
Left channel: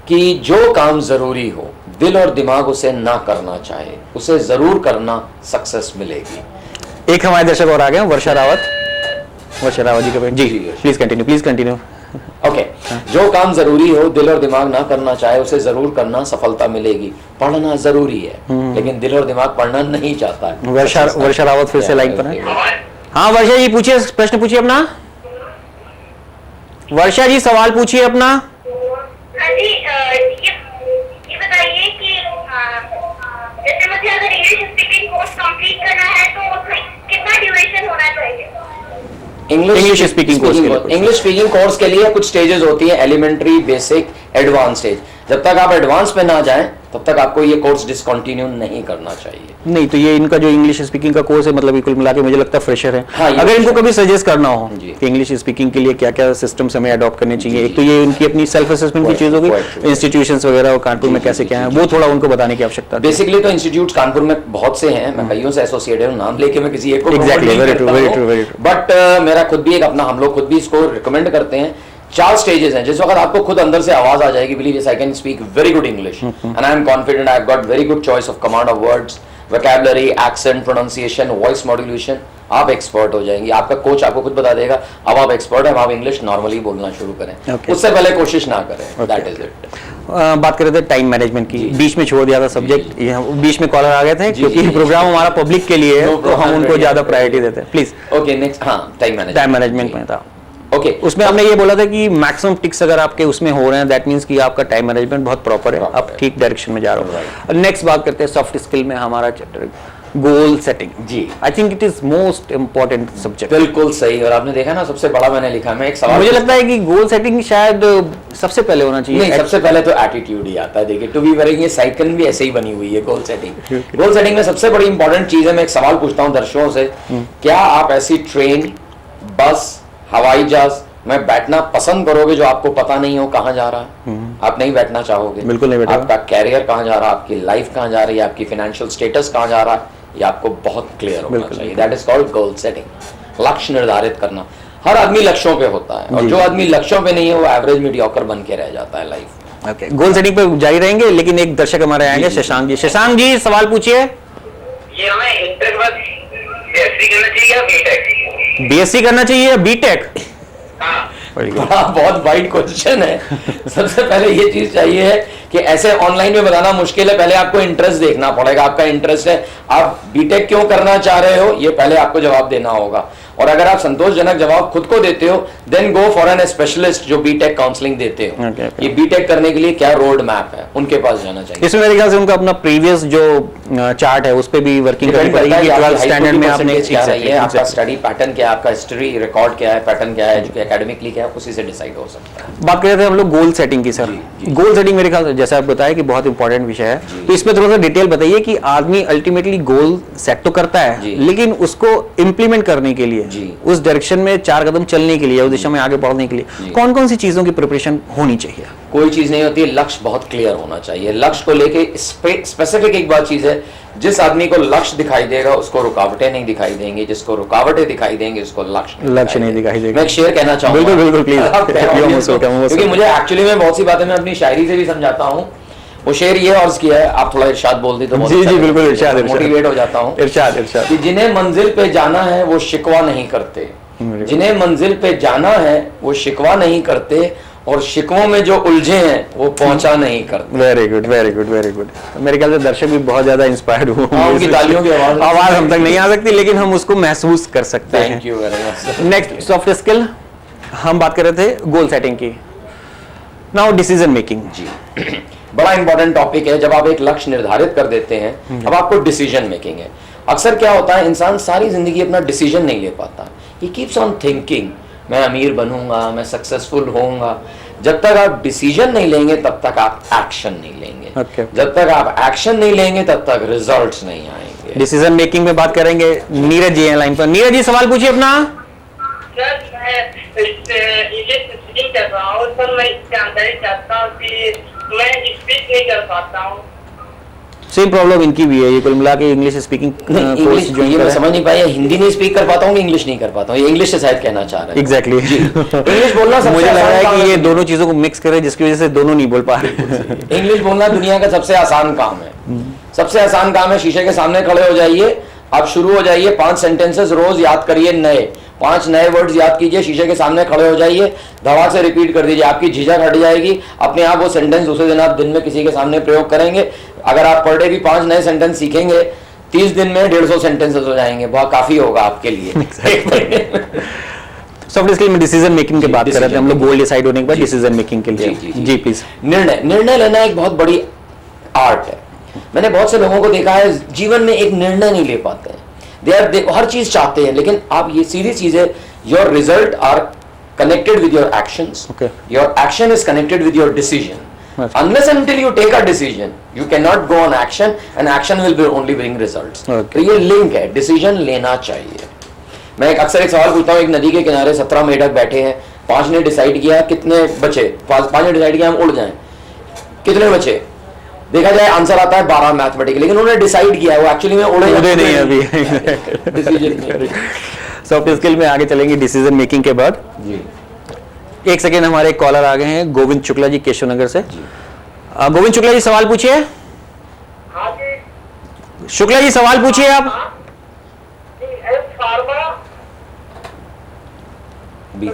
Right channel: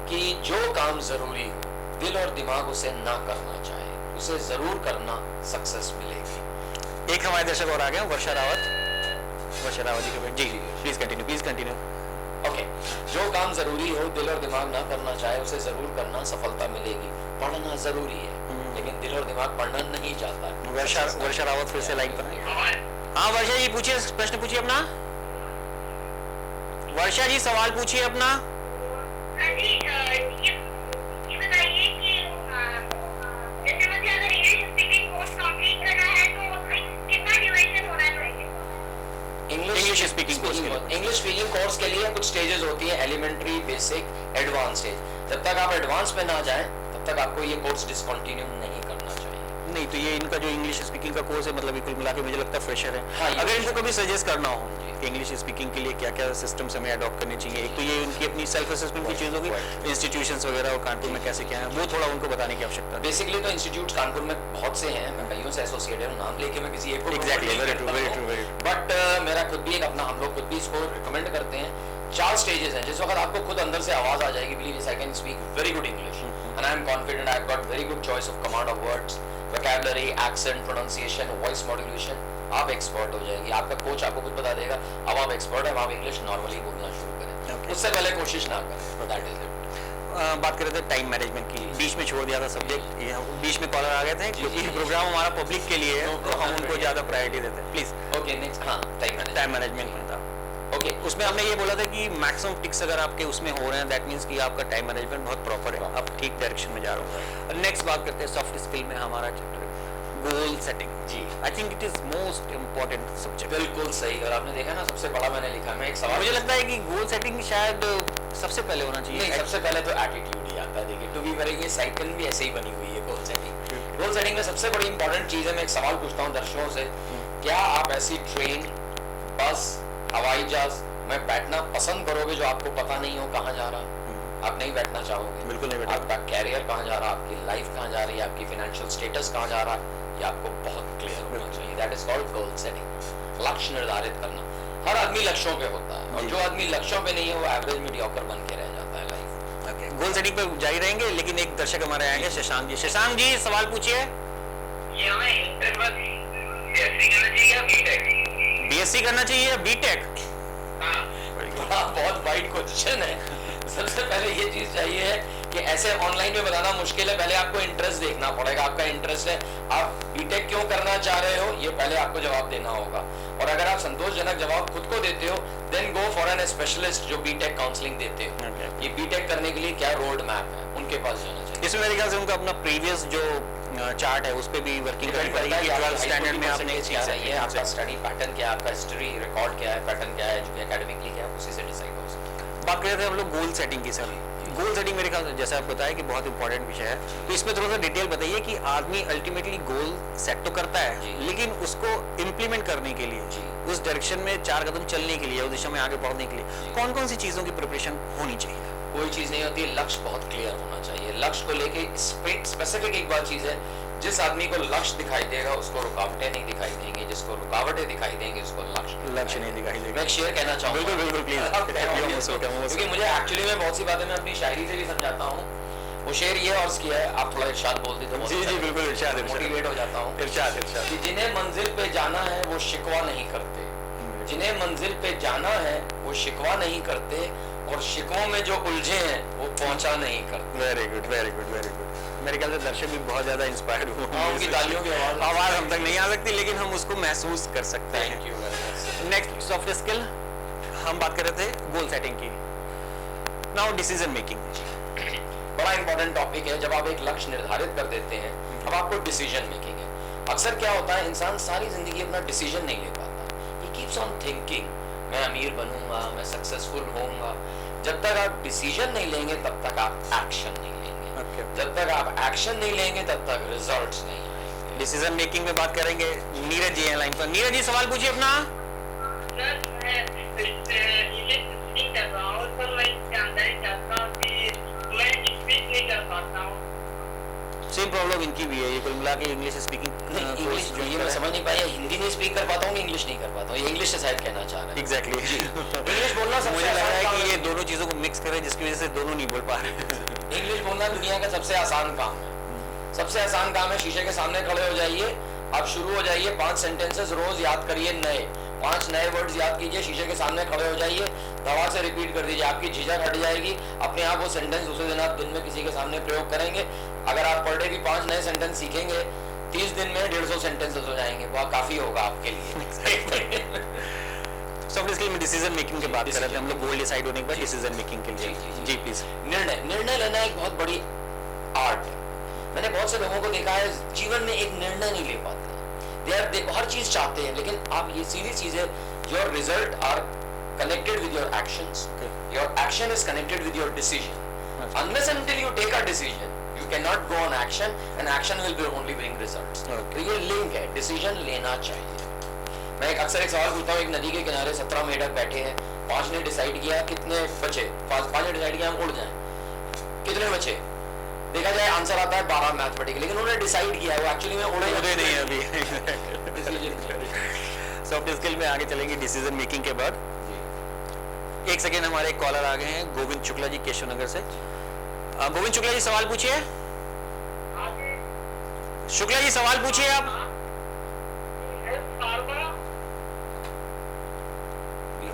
कि जो काम जरूरी हो, दिल और दिमाग उसे ना करना चाहे, उसे जरूर करना, सक्सेस मिलेगी। एक हमारे दर्शक और आ गए, वर्षा रावत जी का जी, प्लीज कंटिन्यू। ओके, जो काम जरूरी हो, दिल और दिमाग ना करना चाहे, उसे जरूर करना, सफलता मिलेगी। पढ़ना जरूरी है, लेकिन दिल और दिमाग पढ़ना नहीं चाहता है। वर्षा रावत फिर से लाइन पर है। हाँ वर्षा जी, पूछिए, प्रश्न पूछिए अपना। वर्षा जी सवाल पूछिए अपना। ये बताइए कि जैसे मुझे अगर इंग्लिश स्पीकिंग कोर्स कंप्लीट करना है तो कितना ड्यूरेशन होना चाहिए? इंग्लिश स्पीकिंग कोर्स के लिए कुछ स्टेजेस होती है, एलिमेंट्री, बेसिक, एडवांस स्टेज। जब तक आप एडवांस में ना जाएं तब तक आपको ये कोर्स डिसकंटिन्यू नहीं करना चाहिए। नहीं तो ये इनका जो इंग्लिश स्पीकिंग का कोर्स है, मतलब कुल मिला के मुझे लगता है फ्रेशर है। हाँ, अगर इनको कभी सजेस्ट करना हो कि इंग्लिश स्पीकिंग के लिए क्या क्या सिस्टम्स हमें अडॉप्ट करने चाहिए, एक तो ये उनकी अपनी सेल्फ असेसमेंट की चीज होगी, इंस्टीट्यूशंस वगैरह और कानपुर में कैसे क्या है, वो थोड़ा उनको बताने की आवश्यकता है। बेसिकली तो इंस्टीट्यूट कानपुर में बहुत से हैं, मैं कईयों से एसोसिएटेड हूं, नाम लेके मैं किसी एक को एग्जैक्टली, वेरी ट्रू। बट मेरा खुद भी एक अपना, हम लोग खुद भी इसको रिकमेंड करते हैं। 4 स्टेजेस हैं, जिस वक्त आपको खुद अंदर से आवाज आ जाएगी, believe yes I can speak very good English and I am confident, I have got very good choice of command of words, vocabulary, accent, pronunciation, voice modulation, आप एक्सपर्ट हो जाएंगे। आपका कोच आपको खुद बता देगा, अब आप एक्सपर्ट हैं, आप इंग्लिश नॉर्मली बोलना शुरू करें। उससे पहले कोशिश ना करें। That is it. बात कर रहे थे टाइम मैनेजमेंट की, बीच में छोड़ दिया था सब्जेक्ट, बीच में कॉलर आ गए थे, क्योंकि प्रोग्राम हमारा पब्लिक के लिए है तो हम उनको ज्यादा प्रायोरिटी देते हैं। प्लीज। Okay, next. हाँ, टाइम मैनेजमेंट में था। ओके, उसमें हमने ये बोला था कि मैक्सिमम टिक्स अगर आपके उसमें हो रहे हैं, दैट मींस कि आपका टाइम मैनेजमेंट बहुत प्रॉपर है, आप ठीक डायरेक्शन में जा रहे हो। नेक्स्ट बात करते हैं सॉफ्ट स्किल में, हमारा चैप्टर गोल सेटिंग। जी, I think it is most important subject. बिल्कुल सही। और आपने देखा ना, सबसे बड़ा मैंने लिखा, मैं एक सवाल, मुझे लगता है कि गोल सेटिंग शायद सबसे पहले होना चाहिए। नहीं, सबसे पहले तो एटीट्यूड ही आता है। देखिए, टू बी वेरी, ये साइकिल भी ऐसे ही बनी हुई है। गोल सेटिंग में सबसे बड़ी इंपॉर्टेंट चीज है, मैं एक सवाल पूछता हूँ दर्शकों से, क्या आप ऐसी ट्रेन, बस, हवाई जहाज में बैठना पसंद करोगे जो आपको पता नहीं हो कहाँ जा रहा है? आप नहीं बैठना चाहोगे, बिल्कुल नहीं बैठोगे। आपका कैरियर कहाँ जा रहा है, आपकी लाइफ कहाँ जा रही है, आपकी फाइनेंशियल स्टेटस कहाँ जा रहा है, ये आपको बहुत क्लियर होना चाहिए। That is called goal setting. लक्ष्य निर्धारित करना। हर आदमी लक्ष्यों पे होता है, और जो आदमी लक्ष्यों पे नहीं है वो एवरेज मीडियोकर बन के रह जाता है लाइफ। ओके, गोल सेटिंग पे जारी रहेंगे, लेकिन एक दर्शक हमारे आएंगे, शशांक जी। शशांक जी सवाल पूछिए। ये हमें इंटर बस बीएससी करना चाहिए या बीटेक? बीएससी करना चाहिए या बीटेक? बहुत वाइड क्वेश्चन है। सबसे पहले ये चीज चाहिए है कि ऐसे ऑनलाइन में बताना मुश्किल है, पहले आपको इंटरेस्ट देखना पड़ेगा। आपका इंटरेस्ट है, आप बीटेक क्यों करना चाह रहे हो, ये पहले आपको जवाब देना होगा। और अगर आप संतोषजनक जवाब खुद को देते हो, then go for an specialist जो बीटेक काउंसलिंग देते हो। ये बीटेक करने के लिए क्या रोड मैप है, उनके पास जाना चाहिए। इसमें मेरे ख्याल से उनका अपना प्रीवियस जो चार्ट है उस पे भी वर्किंग करनी पड़ेगी कि 12th स्टैंडर्ड में आपने क्या है, आपका स्टडी पैटर्न क्या है, आपका हिस्ट्री रिकॉर्ड क्या है, पैटर्न क्या है, जो एकेडमिकली क्या है, उसी से डिसाइड हो सकता है। बात कर रहे थे हम लोग गोल सेटिंग की। सर, गोल सेटिंग मेरे ख्याल से जैसा आप बताया कि बहुत इंपॉर्टेंट विषय है, तो इसमें थोड़ा सा डिटेल बताइए कि आदमी अल्टीमेटली गोल सेट तो करता है, लेकिन उसको इम्प्लीमेंट करने के लिए, उस डायरेक्शन में 4 कदम चलने के लिए, उस दिशा में आगे बढ़ने के लिए कौन कौन सी चीजों की प्रिपरेशन होनी चाहिए? कोई चीज नहीं होती है, लक्ष्य बहुत क्लियर होना चाहिए। लक्ष्य को लेके स्पेसिफिक एक बात चीज है, जिस आदमी को लक्ष्य दिखाई देगा उसको रुकावटें नहीं दिखाई देंगी, जिसको रुकावटें दिखाई देंगी उसको लक्ष्य नहीं दिखाई देगा। मैं एक शेर कहना चाहूंगा, बिल्कुल प्लीज, क्योंकि मुझे एक्चुअली में बहुत सी बातें मैं अपनी शायरी से भी समझाता हूँ। वो शेर ये अर्ज किया है, आप थोड़ा इरशाद बोल दी तो जी जी बिल्कुल, इरशाद, मोटिवेट हो जाता हूँ। इरशाद कि जिन्हें मंजिल पे जाना है वो शिकवा नहीं करते, जिन्हें मंजिल पे जाना है वो शिकवा नहीं करते, और शिकवों में जो उलझे हैं वो पहुंचा नहीं करते। Very good, very good, very good. मेरे ख्याल से दर्शक भी बहुत ज्यादा इंस्पायर्ड हुए, उनकी तालियों की आवाज हम तक नहीं आ सकती, लेकिन हम उसको महसूस कर सकते हैं। Thank you very much. Next soft skill, हम बात कर रहे थे गोल सेटिंग की। Now decision making. जी, बड़ा इंपॉर्टेंट टॉपिक है। जब आप एक लक्ष्य निर्धारित कर देते हैं, अब आपको डिसीजन मेकिंग है। अक्सर क्या होता है, इंसान सारी जिंदगी अपना डिसीजन नहीं ले पाता, ही कीप्स ऑन थिंकिंग, मैं अमीर बनूंगा, मैं सक्सेसफुल होऊंगा, जब तक आप डिसीजन नहीं लेंगे तब तक आप एक्शन नहीं लेंगे। जब तक आप एक्शन नहीं लेंगे तब तक रिजल्ट्स नहीं आएंगे। डिसीजन मेकिंग में बात करेंगे, नीरज जी हैं लाइन पर। नीरज जी सवाल पूछिए अपना। सर मैं स्पीकिंग कर रहा हूँ सर, मैं जानकारी चाहता हूँ कि मैं स्पीक नहीं कर पाता हूँ। सेम प्रॉब्लम इनकी भी है, ये कुल मिला के इंग्लिश स्पीकिंग इंग्लिश ये मैं समझ नहीं पाया, हिंदी नहीं स्पीक कर पाता हूँ, इंग्लिश नहीं कर पाता हूँ, ये इंग्लिश से शायद कहना चाह रहे हैं। एग्जैक्टली इंग्लिश बोलना सबसे मुझे लग रहा है आसान कि ये काम दोनों चीजों को मिक्स करे जिसकी वजह से दोनों नहीं बोल पा रहे। इंग्लिश बोलना दुनिया का सबसे आसान काम है। सबसे आसान काम है, शीशे के सामने खड़े हो जाइए, आप शुरू हो जाइए, 5 सेंटेंसेस रोज याद करिए, नए 5 नए वर्ड्स याद कीजिए, शीशे के सामने खड़े हो जाइए, धड़ाक से रिपीट कर दीजिए, आपकी झिझक हट जाएगी अपने आप। वो सेंटेंस दूसरे दिन आप दिन में किसी के सामने प्रयोग करेंगे। अगर आप पर डे भी 5 नए सेंटेंस सीखेंगे, 30 दिन में 150 सेंटेंसेस हो जाएंगे, बहुत काफी होगा आपके लिए। सॉफ्ट स्किल में डिसीजन मेकिंग की बात कर रहे थे हम लोग, गोल डिसाइड होने के बाद डिसीजन मेकिंग के लिए। जी प्लीज। निर्णय लेना एक बहुत बड़ी आर्ट है। मैंने बहुत से लोगों को देखा है जीवन में एक निर्णय नहीं ले पाते हैं। दे हर चीज चाहते हैं, लेकिन आप ये सीधी चीज है, your result are connected with your actions, your action is connected with your decision. Unless until you take a decision, you cannot go on action, and action will be only bring results. तो ये link है, decision लेना चाहिए। मैं अक्सर एक सवाल पूछता हूँ, एक नदी के किनारे 17 मेढक बैठे हैं, 5 ने डिसाइड किया कितने बचे, 5 ने डिसाइड किया हम उड़ जाएं, कितने बचे? देखा जाए आंसर आता है 12 मैथमेटिकल, लेकिन उन्होंने डिसाइड किया, वो एक्चुअली में उड़े नहीं अभी। डिसीजन सॉफ्ट स्किल में आगे चलेंगे डिसीजन मेकिंग के बाद। जी एक सेकेंड, हमारे कॉलर आ गए हैं, गोविंद शुक्ला जी केशव नगर से। गोविंद शुक्ला जी सवाल पूछिए। शुक्ला जी सवाल पूछिए आप।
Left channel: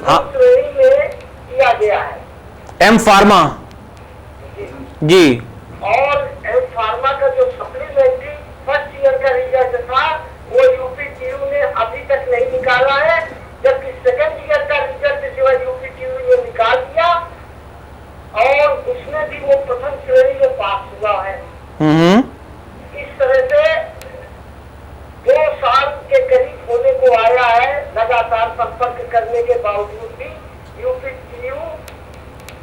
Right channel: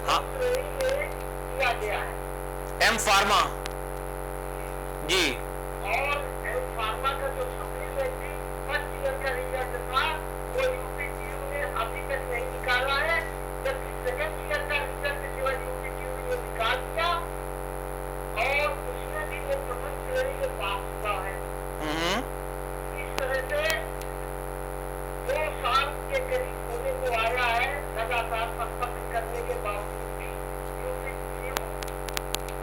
हाँ, किया गया है एम फार्मा जी, और एम फार्मा का जो सप्लीमेंट्री फर्स्ट ईयर का रिजल्ट था वो यूपीटीयू ने अभी तक नहीं निकाला है, जबकि सेकंड ईयर का रिजल्ट सिवा यूपीटीयू ने निकाल दिया और उसमें भी वो प्रथम श्रेणी में पास हुआ है। इस तरह से 2 साल के करीब होने को आया है, लगातार संपर्क करने के बावजूद भी यूपीटीयू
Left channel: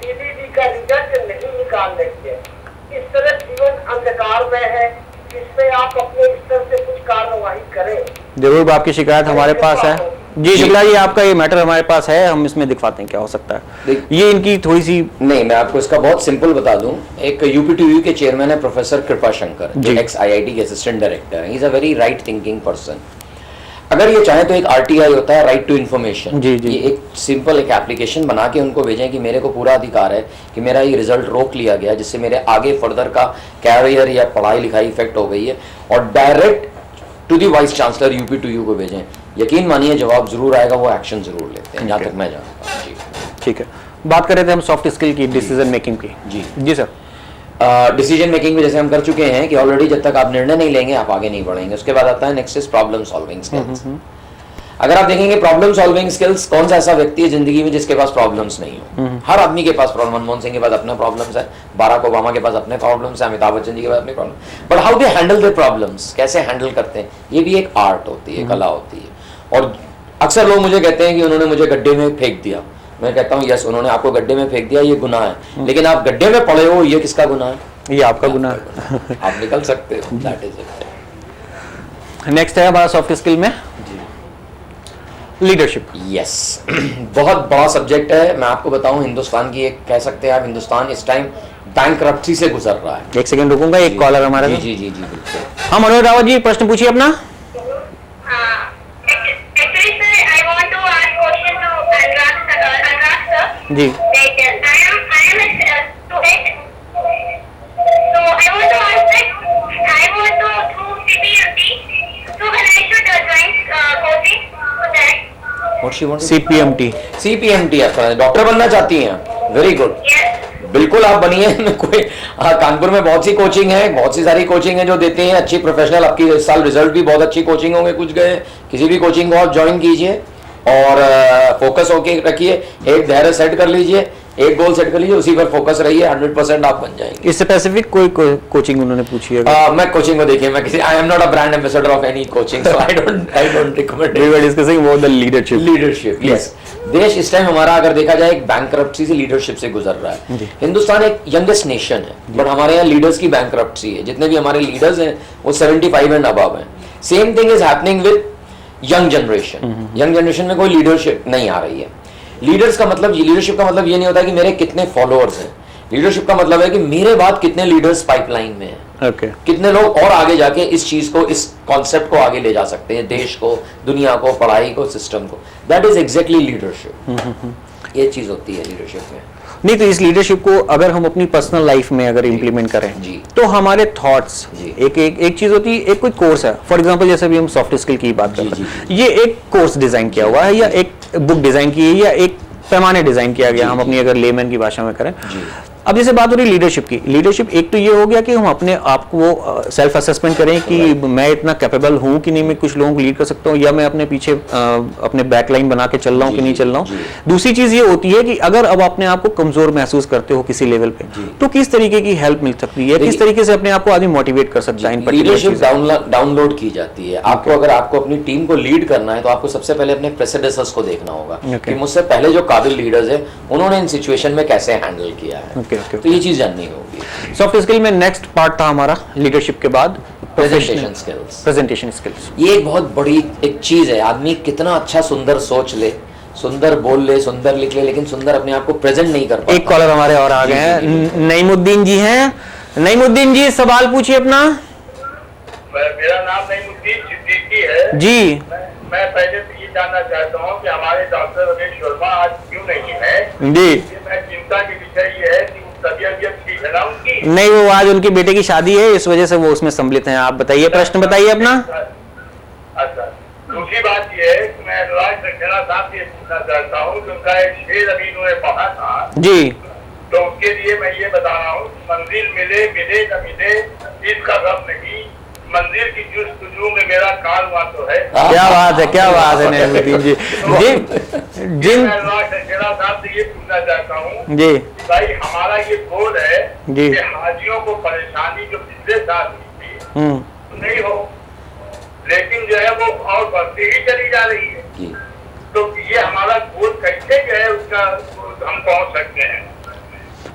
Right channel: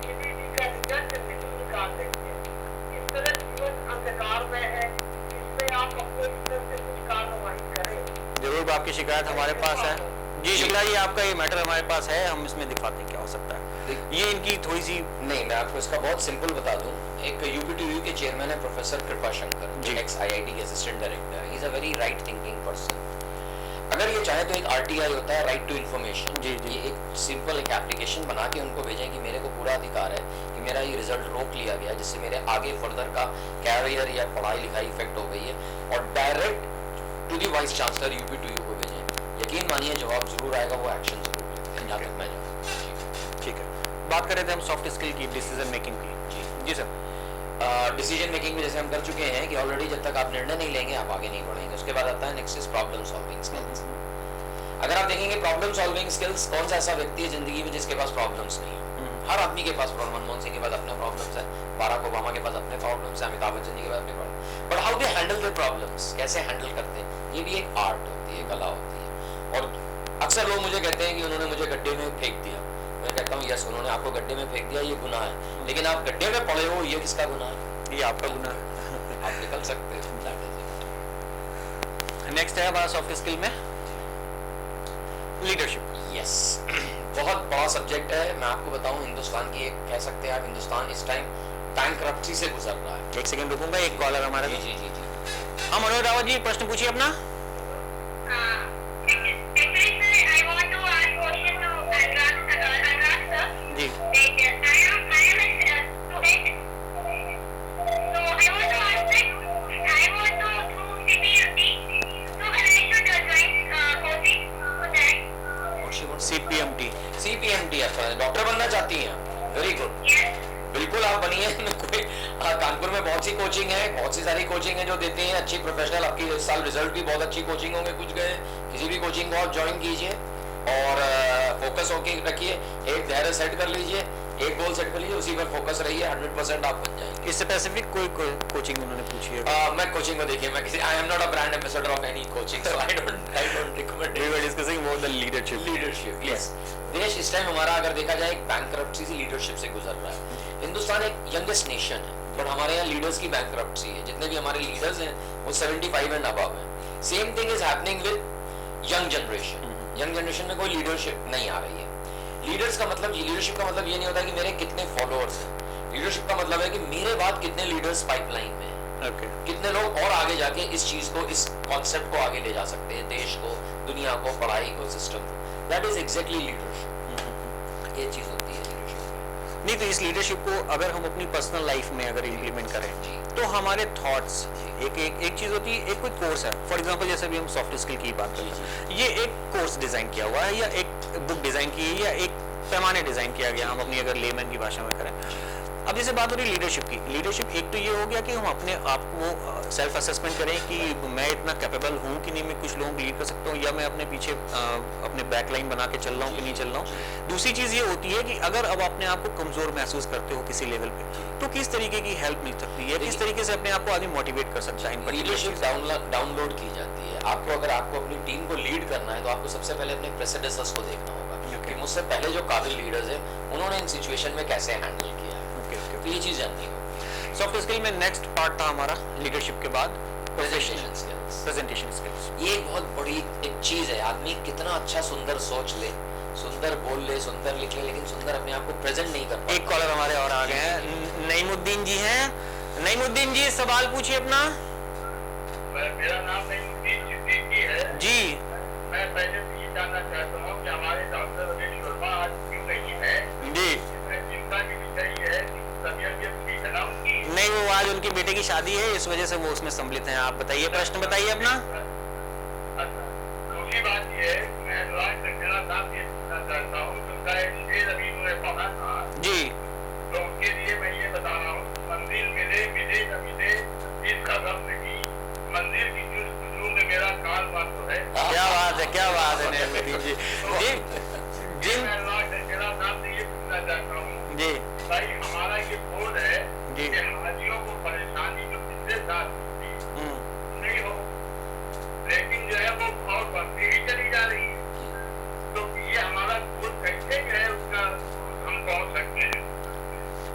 टीबीडी का रिजल्ट नहीं निकाल रही है। इस तरह जीवन अंधकार में है, जिसमें आप अपने स्तर से कुछ कार्रवाई करें। जरूर आपकी शिकायत हमारे पास है। जी शुक्ला जी, आपका ये मैटर हमारे पास है, हम इसमें दिखवाते हैं क्या हो सकता है। ये इनकी थोड़ी सी नहीं, मैं आपको इसका बहुत सिंपल बता दूं। एक यूपीटीयू के चेयरमैन है प्रोफेसर कृपा शंकर, जो एक्स आईआईटी के असिस्टेंट डायरेक्टर है। He is a very right thinking person. अगर ये चाहे तो एक आरटीआई होता है, राइट टू इन्फॉर्मेशन। ये एक सिंपल एक एप्लीकेशन बना के उनको भेजें कि मेरे को पूरा अधिकार है कि मेरा ये रिजल्ट रोक लिया गया, जिससे मेरे आगे फर्दर का कैरियर या पढ़ाई लिखाई इफेक्ट हो गई है, और direct to the vice chancellor UPTU को भेजें। यकीन मानिए जवाब जरूर आएगा, वो एक्शन जरूर लेते हैं, जहाँ तक मैं जानता हूँ। जी ठीक है, बात कर रहे थे हम सॉफ्ट स्किल की, डिसीजन मेकिंग की। जी सर। डिसीजन मेकिंग में जैसे हम कर चुके हैं कि ऑलरेडी जब तक आप निर्णय नहीं लेंगे आप आगे नहीं बढ़ेंगे। उसके बाद आता है next is problem solving skills. अगर आप देखेंगे प्रॉब्लम सॉल्विंग स्किल्स, कौन सा ऐसा व्यक्ति है जिंदगी में जिसके पास प्रॉब्लम्स नहीं हो? हर आदमी के पास प्रॉब्लम। मनमोहन सिंह के पास अपने प्रॉब्लम्स है, बाराक ओबामा के पास अपने प्रॉब्लम्स है, अमिताभ बच्चन जी के पास अपने problem. But how they handle their problems, कैसे हैंडल करते हैं, ये भी एक आर्ट होती है, कला होती है। और अक्सर लोग मुझे कहते हैं कि उन्होंने मुझे गड्ढे में फेंक दिया। मैं कहता हूँ यस, उन्होंने आपको गड्ढे में फेंक दिया, ये गुनाह है, लेकिन आप गड्ढे में पड़े हो, ये किसका गुनाह है? ये आपका गुनाह है। आप निकल सकते हो, दैट इज इट। नेक्स्ट है हमारा सॉफ्ट स्किल में लीडरशिप। यस, बहुत बड़ा सब्जेक्ट है। मैं आपको बताऊं, हिंदुस्तान की एक कह सकते हैं आप, हिंदुस्तान इस टाइम बैंकरप्सी से गुजर रहा है। एक सेकंड रुकूंगा, एक कॉलर हमारा। जी जी जी जी बिल्कुल। हाँ मनोज रावत जी, प्रश्न पूछिए अपना। जी CPMT। CPMT डॉक्टर बनना चाहती हैं? वेरी गुड, बिल्कुल आप बनिए। कोई कानपुर में बहुत सी कोचिंग है, बहुत सी सारी कोचिंग है जो देते हैं अच्छी प्रोफेशनल। आपकी इस साल रिजल्ट भी बहुत अच्छी कोचिंग होंगे, कुछ गए, किसी भी कोचिंग को आप ज्वाइन कीजिए और फोकस होके रखिए, एक धैर्य सेट कर लीजिए, एक गोल सेट कर लीजिए, उसी पर फोकस रहिए, 100% आप बन जाएंगे। इस स्पेसिफिक कोई कोचिंग उन्होंने पूछी है? मैं कोचिंग को देखिए, मैं किसी, I am not a brand ambassador of any coaching, so I don't recommend. We were discussing about the leadership, yes. देश इस टाइम हमारा अगर देखा जाए एक बैंकरप्सी से लीडरशिप से गुजर रहा है। हिंदुस्तान एक यंगेस्ट नेशन है, बट हमारे यहाँ लीडर्स की बैंकरप्सी है। जितने भी हमारे लीडर्स हैं वो 75 एंड अबव हैं। Same thing is happening with young generation. Young generation में कोई लीडरशिप नहीं आ रही है। लीडर्स का मतलब, लीडरशिप का मतलब ये नहीं होता कि मेरे कितने फॉलोअर्स हैं। लीडरशिप का मतलब है कि मेरे बाद कितने लीडर्स पाइपलाइन में हैं। कितने लोग और आगे जाके इस चीज को, इस कॉन्सेप्ट को आगे ले जा सकते हैं, देश को, दुनिया को, पढ़ाई को, सिस्टम को। That is exactly leadership. ये चीज होती है लीडरशिप में। नहीं, तो इस लीडरशिप को अगर हम अपनी पर्सनल लाइफ में अगर इम्प्लीमेंट करें तो हमारे थॉट्स, एक चीज होती है, एक कोई कोर्स है, फॉर एग्जांपल जैसे अभी हम सॉफ्ट स्किल की बात करते हैं, ये एक कोर्स डिजाइन किया हुआ है या एक बुक डिजाइन की है या एक पैमाने डिजाइन किया गया, हम अपनी अगर लेमैन की भाषा में करें। अब जैसे बात हो रही लीडरशिप की, लीडरशिप एक तो ये हो गया कि हम अपने आप को सेल्फ असेसमेंट करें कि मैं इतना कैपेबल हूं कि नहीं, मैं कुछ लोगों को लीड कर सकता हूं, या मैं अपने पीछे अपने बैकलाइन बना के चल रहा हूं कि नहीं चल रहा हूं। दूसरी चीज ये होती है कि अगर अब अपने आप को कमजोर महसूस करते हो किसी लेवल पे, तो किस तरीके की हेल्प मिल सकती है, किस तरीके से अपने आप को आदि मोटिवेट कर सकता है? लीडरशिप डाउनलोड की जाती है। आपको अगर आपको अपनी टीम को लीड करना है तो आपको सबसे पहले अपने प्रेसिडेंसर्स को देखना होगा कि मुझसे पहले जो काबिल लीडर्स है उन्होंने इन सिचुएशन में कैसे हैंडल किया है। तो ये चीज जाननी होगी। सॉफ्ट स्किल में नेक्स्ट पार्ट था हमारा लीडरशिप के बाद प्रेजेंटेशन स्किल्स। प्रेजेंटेशन स्किल्स ये एक बहुत बड़ी एक चीज है। आदमी कितना अच्छा सुंदर सोच ले, सुंदर बोल ले, सुंदर लिख ले, लेकिन सुंदर अपने आप को प्रेजेंट नहीं कर पाता। एक कॉलर हमारे और आ गए हैं, नईमुद्दीन जी हैं। नईमुद्दीन जी सवाल पूछिए अपना। मेरा नाम नईमुद्दीन सिद्दीकी है जी। मैं पहले तो ये जानना चाहता हूँ कि हमारे डॉक्टर रमेश वर्मा आज क्यों नहीं है जी। मैं चिंता की विषय ये है कि तबीयत ठीक है ना उनकी? नहीं, वो आज उनके बेटे की शादी है, इस वजह से वो उसमें सम्मिलित हैं। आप बताइए, प्रश्न बताइए अपना। अच्छा, दूसरी बात ये है कि मैं अनुराग सक्सेना साहब से पूछना चाहता हूँ कि उनका एक शेर अभी उन्होंने पढ़ा था जी, तो उसके लिए मैं ये बता रहा हूँ, मंजिल मिले मिले न मिले इसका गम नहीं, मंदिर की जुस्तजू में मेरा कारवां तो है। क्या बात है, क्या बात है नईमुद्दीन जी। जिन साहब से ये पूछना चाहता हूँ जी भाई, हमारा ये गोल है जी कि हाजियों को परेशानी जो पिछले साल थी नहीं हो, लेकिन जो है वो और बढ़ती ही चली जा रही है। तो ये हमारा गोल कैसे जो है उसका हम पहुंच सकते हैं?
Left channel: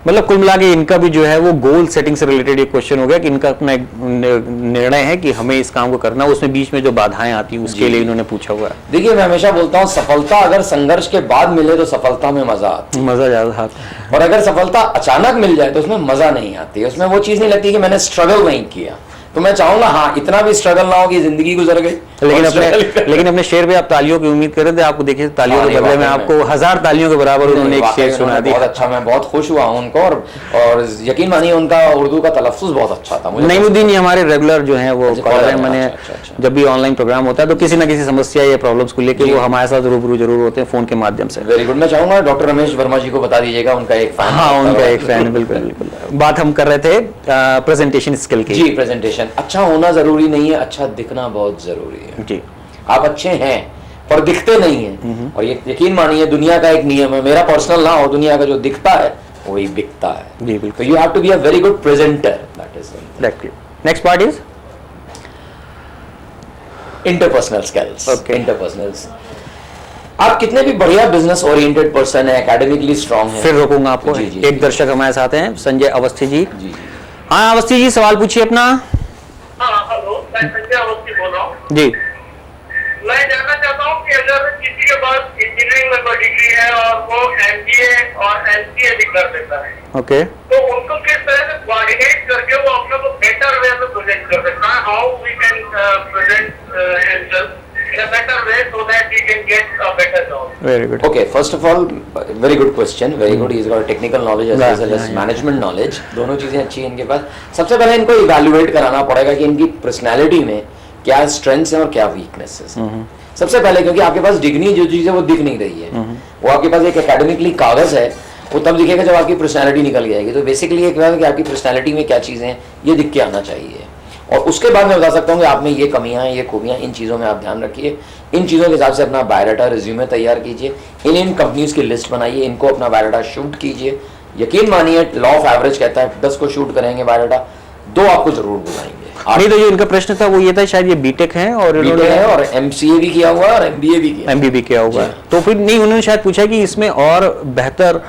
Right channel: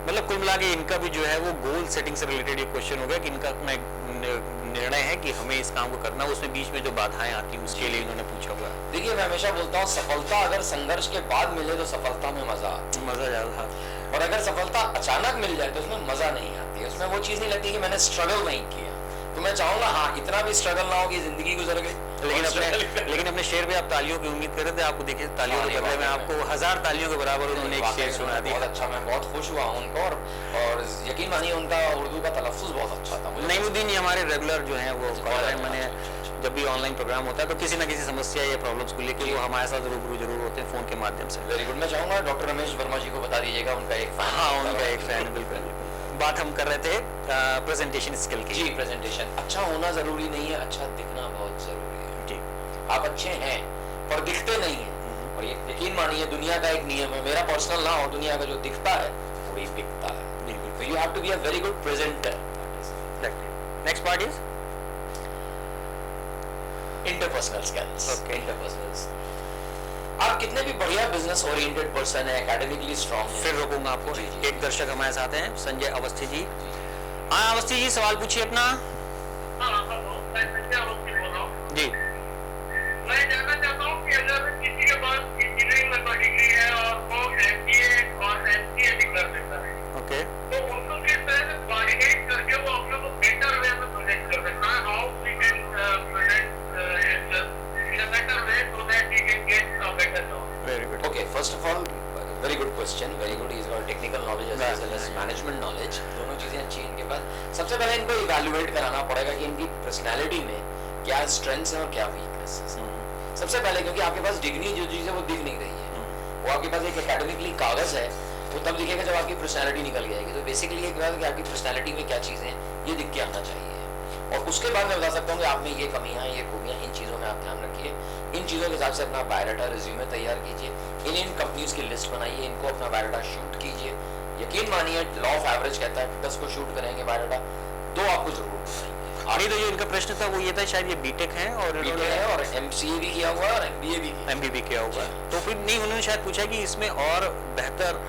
मतलब कुल मिला के इनका भी जो है वो गोल सेटिंग से रिलेटेड एक क्वेश्चन हो गया कि इनका अपना एक निर्णय है कि हमें इस काम को करना है, उसमें बीच में जो बाधाएं आती हैं उसके लिए इन्होंने पूछा हुआ है। देखिए, मैं हमेशा बोलता हूँ सफलता अगर संघर्ष के बाद मिले तो सफलता में मजा आता है, मजा ज्यादा आता है। और अगर सफलता अचानक मिल जाए तो उसमें मजा नहीं आती, उसमें वो चीज नहीं लगती कि मैंने स्ट्रगल नहीं किया। तो मैं चाहूंगा हाँ, इतना भी स्ट्रगल ना हो कि जिंदगी गुजर गई। लेकिन अपने शेर पे आप तालियों की उम्मीद कर रहे थे, आपको देखिए तालियों के बदले में आपको 1000 तालियों के बराबर उन्होंने एक शेर सुना दिया। बहुत अच्छा, मैं बहुत खुश हुआ उनको, और यकीन मानिए उनका उर्दू का तलफ्फुज़ बहुत अच्छा था। नईमुद्दीन ये हमारे रेगुलर जो है वो कॉलर है। मैंने जब भी ऑनलाइन प्रोग्राम होता है तो किसी ना किसी समस्या या प्रॉब्लम्स को लेकर वो हमारे साथ रूबरू जरूर होते हैं फोन के माध्यम से। Very good. मैं चाहूंगा डॉक्टर रमेश वर्मा जी को बता दीजिएगा, उनका एक फैन। हाँ, उनका एक फैन। बिल्कुल बिल्कुल। बात हम कर रहे थे प्रेजेंटेशन स्किल की। जी, प्रेजेंटेशन अच्छा होना जरूरी नहीं है, अच्छा दिखना बहुत जरूरी है। जी, आप अच्छे हैं पर दिखते नहीं हैं, और ये यकीन मानिए दुनिया का एक नियम है, मेरा पर्सनल ना हो, दुनिया का जो दिखता है वही बिकता है। जी बिल्कुल। You have to be a very good presenter. That is next part is interpersonal skills. Interpersonals, आप कितने भी बढ़िया बिजनेस ओरिएंटेड पर्सन है, एकेडमिकली स्ट्रांग है। फिर रोकूंगा आपको। एक दर्शक हमारे साथ हैं, संजय अवस्थी जी। हाँ अवस्थी जी, सवाल पूछिए अपना। हेलो, मैं संजय अवस्थी बोल रहा हूँ जी। मैं जानना चाहता हूँ कि अगर किसी के पास इंजीनियरिंग में कोई डिग्री है और वो MBA और MCA भी कर लेता है, ओके, तो उनको किस तरह से कोऑर्डिनेट करके वो अपने को बेटर वे में प्रेजेंट कर सकता है? How we can present himself in a better way so that he can get a better job? Very good. Okay, first of all, very good question. Very good. He's got technical knowledge as well as management knowledge. दोनों चीजें अच्छी हैं इनके पास। सबसे पहले इनको evaluate कराना पड़ेगा कि इनकी पर्सनैलिटी में क्या स्ट्रेंथ्स हैं और क्या वीकनेसेस हैं। सबसे पहले, क्योंकि आपके पास डिग्री जो चीज है वो दिख नहीं रही है, वो आपके पास एक एकेडमिकली कागज है, वो तब दिखेगा जब आपकी पर्सनैलिटी निकल जाएगी। तो बेसिकली ये क्या है कि आपकी पर्सनैलिटी में क्या चीजें हैं ये दिख के आना चाहिए। और उसके बाद मैं बता सकता हूँ कि आप में ये कमियां हैं, ये खूबियां, इन चीज़ों में आप ध्यान रखिए, इन चीज़ों के हिसाब से अपना बायोडाटा रिज्यूमे तैयार कीजिए, इन कंपनीज की लिस्ट बनाइए, इनको अपना बायोडाटा शूट कीजिए। यकीन मानिए लॉ ऑफ एवरेज कहता है 10 को शूट करेंगे बायोडाटा, 2 आपको जरूर बुलाएंगे। नहीं तो जो इनका प्रश्न था वो ये था शायद ये बीटेक है और बीटेक है और एमसीए भी किया हुआ है और एमबीए भी किया, एमबीए भी किया हुआ है। तो फिर नहीं, उन्होंने शायद पूछा कि इसमें और बेहतर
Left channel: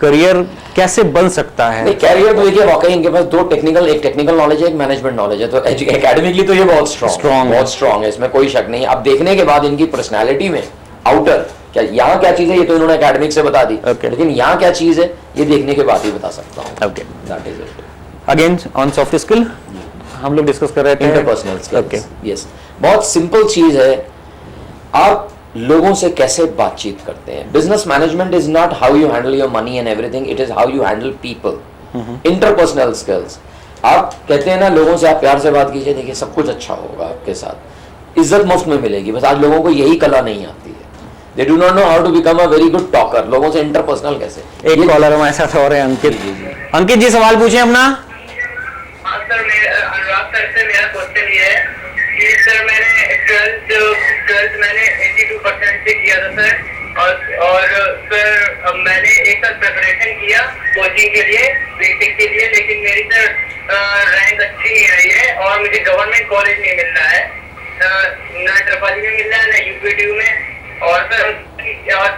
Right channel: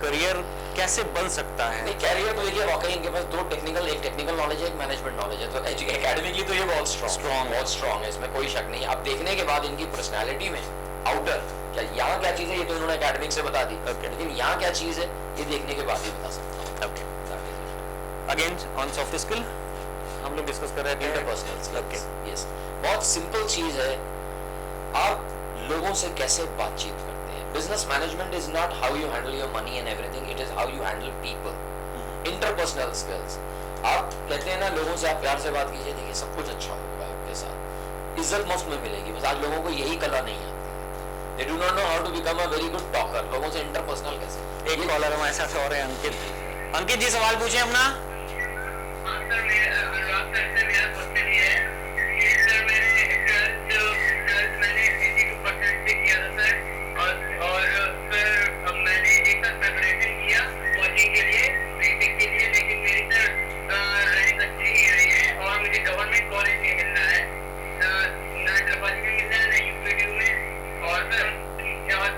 करियर कैसे बन सकता है। नहीं, कैरियर तो देखिए वाकई इनके पास 2 टेक्निकल, एक टेक्निकल नॉलेज है, एक मैनेजमेंट नॉलेज है, तो एकेडमिकली तो ये बहुत स्ट्रॉन्ग है, इसमें कोई शक नहीं। अब देखने के बाद इनकी पर्सनैलिटी में आउटर क्या, यहाँ क्या चीज है ये तो इन्होंने एकेडमिक से बता दी, लेकिन यहाँ क्या चीज है ये देखने के बाद ही बता सकता हूँ। Okay, that is it. Again on soft skill हम लोग डिस्कस कर रहे थे इंटरपर्सनल स्किल्स। यस, बहुत सिंपल चीज है, आप लोगों से कैसे बातचीत करते हैं। Business management is not how you handle your money and everything, it is how you handle people. Interpersonal skills, आप कहते हैं ना लोगों से आप प्यार से बात कीजिए, देखिए सब कुछ अच्छा होगा आपके साथ, इज्जत मुफ्त में मिलेगी। बस आज लोगों को यही कला नहीं आती है, they do not know how to become a very good talker. लोगों से इंटरपर्सनल कैसे। एक कॉलर हमारे साथ और है अंकित। अंकित जी सवाल पूछे अपना। हाँ सर, अनुराग सर से मेरा क्वेश्चन ये है कि सर मैंने 12th मैंने 82% से किया था सर, और सर मैंने एक साल प्रिपरेशन किया कोचिंग के लिए, बेसिक के लिए, लेकिन मेरी सर रैंक अच्छी नहीं आई है और मुझे गवर्नमेंट कॉलेज नहीं मिल रहा है, ना ट्रिपल में मिल रहा है ना यूपीटीयू में, और सर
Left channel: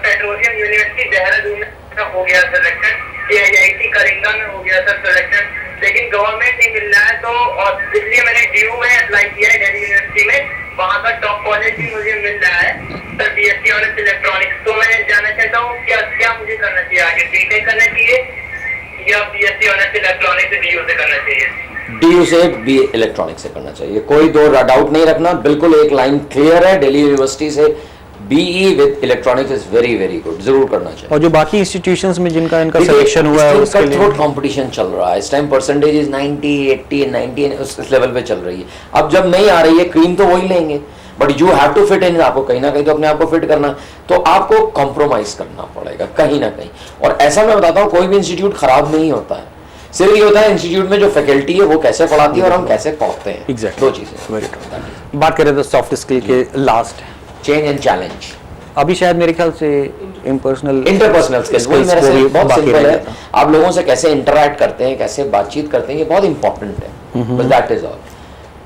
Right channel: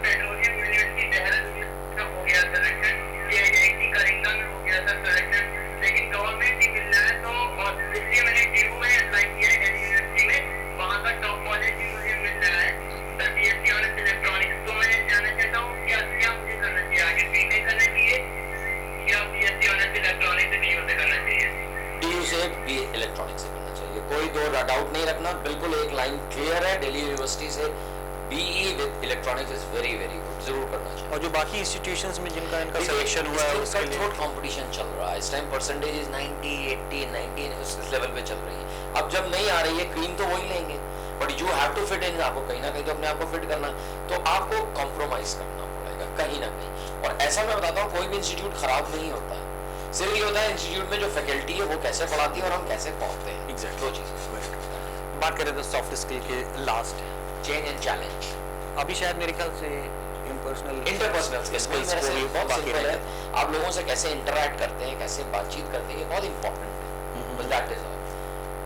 पेट्रोलियम यूनिवर्सिटी देहरादून में हो गया सिलेक्शन, AIIT कलिंगा में हो गया सर सिलेक्शन, लेकिन गवर्नमेंट नहीं मिल रहा है। तो और इसलिए मैंने DU में अप्लाई किया है दिल्ली यूनिवर्सिटी में, वहाँ का टॉप कॉलेज भी मुझे मिल रहा है सर, BSc ऑनर्स इलेक्ट्रॉनिक्स। तो मैं जानना चाहता हूँ क्या क्या मुझे करना चाहिए, आगे बीटेक करना चाहिए या BSc ऑनर्स इलेक्ट्रॉनिक्स DU से करना चाहिए? DU से बी इलेक्ट्रॉनिक्स से करना चाहिए, कोई दो डाउट नहीं रखना, बिल्कुल एक लाइन क्लियर है। दिल्ली यूनिवर्सिटी से BE with electronics is very very good, जरूर करना चाहिए। और जो बाकी इंस्टीट्यूशंस में जिनका इनका सिलेक्शन हुआ है उसके लिए कंपटीशन चल रहा है इस टाइम, परसेंटेज इज 90, 80, 90 उस लेवल पे चल रही है। अब जब नहीं आ रही है क्रीम तो वही लेंगे, but you have to fit in, आपको कहीं ना कहीं तो अपने आप को फिट करना, तो आपको कॉम्प्रोमाइज करना पड़ेगा कहीं ना कहीं। और ऐसा मैं बताता हूँ कोई भी इंस्टीट्यूट खराब नहीं होता है, सिर्फ ये होता है इंस्टीट्यूट में जो फैकल्टी है वो कैसे पढ़ाती है और हम कैसे पढ़ते हैं। एग्जैक्टली, 2 चीजें। बात करें तो सॉफ्ट स्किल के लास्ट चेंज एंड चैलेंज, अभी शायद मेरे ख्याल से इंटरपर्सनल स्किल्स मेरे से बहुत सिंपल है, आप लोगों से कैसे इंटरैक्ट करते हैं, कैसे बातचीत करते हैं, ये बहुत इंपॉर्टेंट है, बस दैट इज ऑल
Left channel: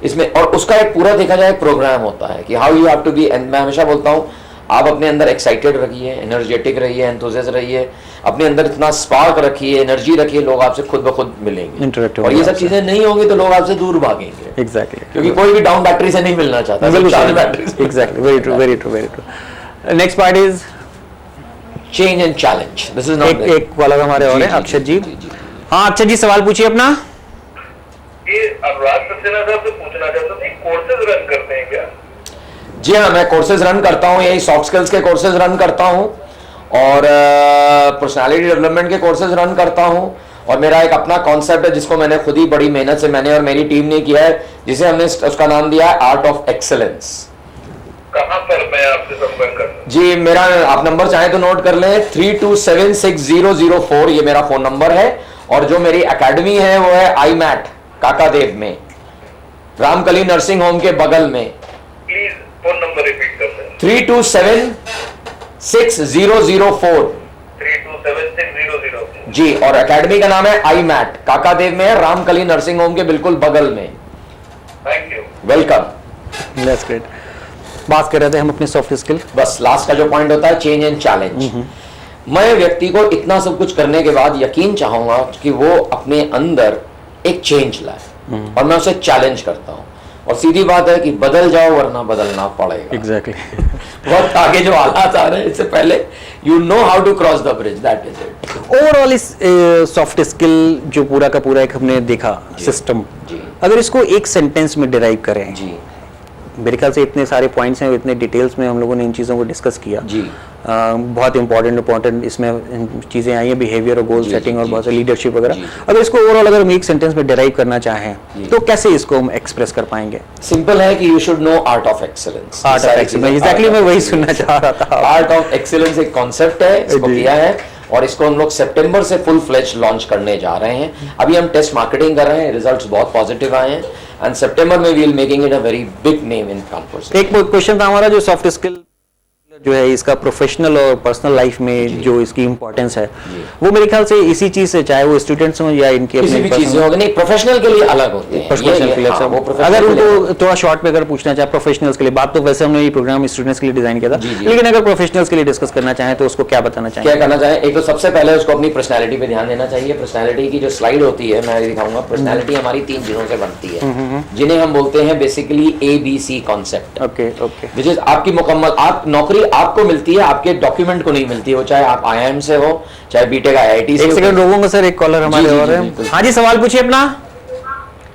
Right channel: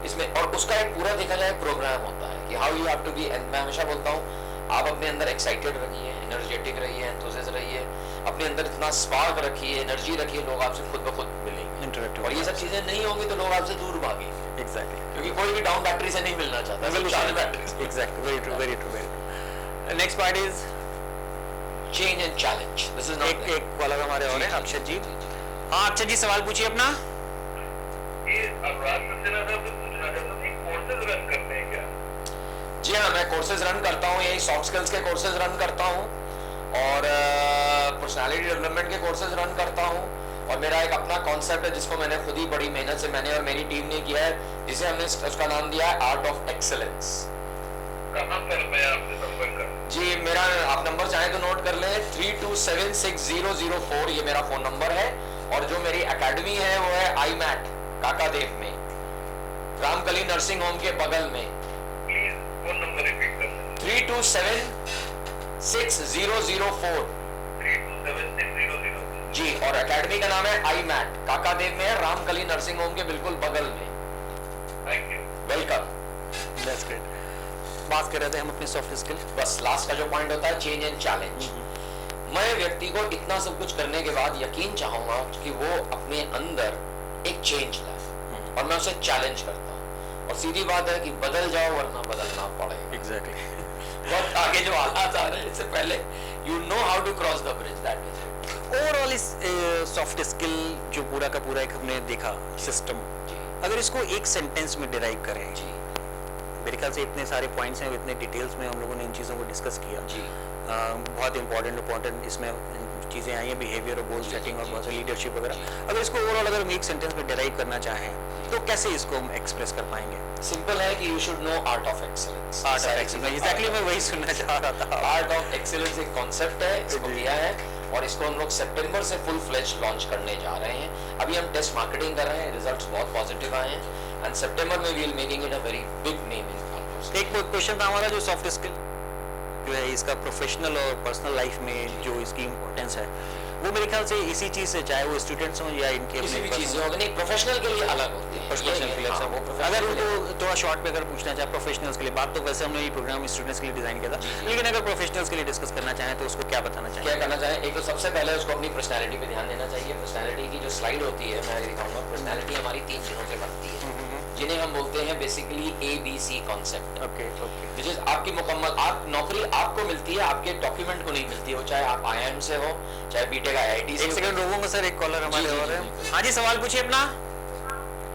इसमें। और उसका एक पूरा देखा जाए प्रोग्राम होता है कि how you have to be, मैं हमेशा बोलता हूँ आप अपने अंदर एक्साइटेड रखिए, एनर्जेटिक रहिए, एंथुसियास्ट रहिए, अपने अंदर इतना स्पार्क रखिए, एनर्जी रखिए, लोग आपसे खुद ब खुद मिलेंगे। और ये सब चीजें नहीं होंगी तो लोग आपसे दूर भागेंगे। एग्जैक्टली, क्योंकि कोई भी डाउन बैटरी से नहीं मिलना चाहता। Exactly, very true, very true, very true. Next part is change and challenge. This is not एक वाला हमारे और है अक्षत जी। हाँ अक्षत जी सवाल पूछिए अपना। ये अनुराग सक्सेना साहब से पूछना चाहता था, कोर्सेज रन करते हैं क्या? जी हाँ, मैं कोर्सेज रन करता हूँ, यही सॉफ्ट स्किल्स के कोर्सेज रन करता हूँ और पर्सनालिटी डेवलपमेंट के कोर्सेज रन करता हूँ। और मेरा एक अपना कॉन्सेप्ट है जिसको मैंने खुद ही बड़ी मेहनत से मैंने और मेरी टीम ने किया है, जिसे हमने उसका नाम दिया है आर्ट ऑफ एक्सेलेंस। कहाँ पर मैं आपसे संपर्क करूँ? जी मेरा आप नंबर चाहे तो नोट कर लें, 32760004 ये मेरा फोन नंबर है। और जो मेरी एकेडमी है वो है IMAT काकादेव में, रामकली नर्सिंग होम के बगल में। प्लीज फोन नंबर रिपीट कर दें। 32760004 32760004 जी। और एकेडमी का नाम है IMAT काकादेव में, रामकली नर्सिंग होम के बिल्कुल बगल में। Thank you, welcome. That's great. बात कर रहे थे हम अपने सॉफ्ट स्किल, बस लास्ट का जो पॉइंट होता है चेंज एंड चैलेंज। मैं व्यक्ति को इतना सब कुछ करने के बाद यकीन चाहूंगा कि वो अपने अंदर एक चेंज लाए, और मैं उसे चैलेंज करता हूँ। और सीधी बात है कि बदल जाओ वरना बदलना पड़ेगा। एग्जैक्टली वक्त आगे जो हालात आ रहे हैं इससे पहले you know how to cross the bridge, that is it. Overall इस सॉफ्ट स्किल जो पूरा का पूरा एक हमने देखा सिस्टम, अगर इसको एक सेंटेंस में डिराइव करें जी, मेरे ख्याल से इतने सारे पॉइंट्स हैं, इतने डिटेल्स में हम लोगों ने इन चीज़ों को डिस्कस किया जी। बहुत इंपॉर्टेंट इसमें चीज़ें आई हैं, बिहेवियर और गोल सेटिंग और बहुत सारी लीडरशिप वगैरह। अगर इसको ओवरऑल अगर हम एक सेंटेंस में डिराइव करना चाहें तो कैसे इसको हम एक्सप्रेस कर पाएंगे? सिंपल है कि you should know art of excellence. Art of excellence, exactly मैं वही सुनना चाह रहा था। आर्ट ऑफ एक्सेलेंस एक कॉन्सेप्ट है, इसको किया है और इसको हम लोग सितंबर से फुल फ्लेज लॉन्च करने जा रहे हैं। अभी हम टेस्ट मार्केटिंग कर रहे हैं, रिजल्ट्स बहुत पॉजिटिव आए हैं एंड सितंबर में we will making it a very big name in Kanpur. एक क्वेश्चन था हमारा, जो सॉफ्ट स्किल जो है इसका प्रोफेशनल और पर्सनल लाइफ में जो इसकी इम्पोर्टेंस है, वो मेरे ख्याल से इसी चीज से, चाहे वो स्टूडेंट्स हों या इनके किसी भी चीज होगी, नहीं प्रोफेशनल के लिए अलग होते हैं, प्रोफेशनल के लिए। हाँ, अगर उनको थोड़ा शॉर्ट में अगर पूछना चाहे प्रोफेशनल्स के लिए, बात तो वैसे हमने ये प्रोग्राम स्टूडेंट्स के लिए डिजाइन किया था, लेकिन अगर प्रोफेशनल्स के लिए डिस्कस करना चाहें तो उसको क्या बताना चाहिए? क्या करना चाहें? एक तो सबसे पहले उसको अपनी पर्सनैलिटी पे ध्यान देना चाहिए। पर्सनैलिटी की जो स्लाइड होती है मैं दिखाऊंगा। पर्सनैलिटी हमारी 3 चीजों से बनती है, जिन्हें हम बोलते हैं basically ABC concept. Okay okay. Which is आपकी मुकम्मल आप नौकरी आपको मिलती है, आपके डॉक्यूमेंट को नहीं मिलती है, वो चाहे आप IIM से हो, चाहे बीटेक IIT से। एक सेकंड रोकूंगा सर, एक कॉलर हमारे और है। हाँ जी, सवाल पूछिए अपना।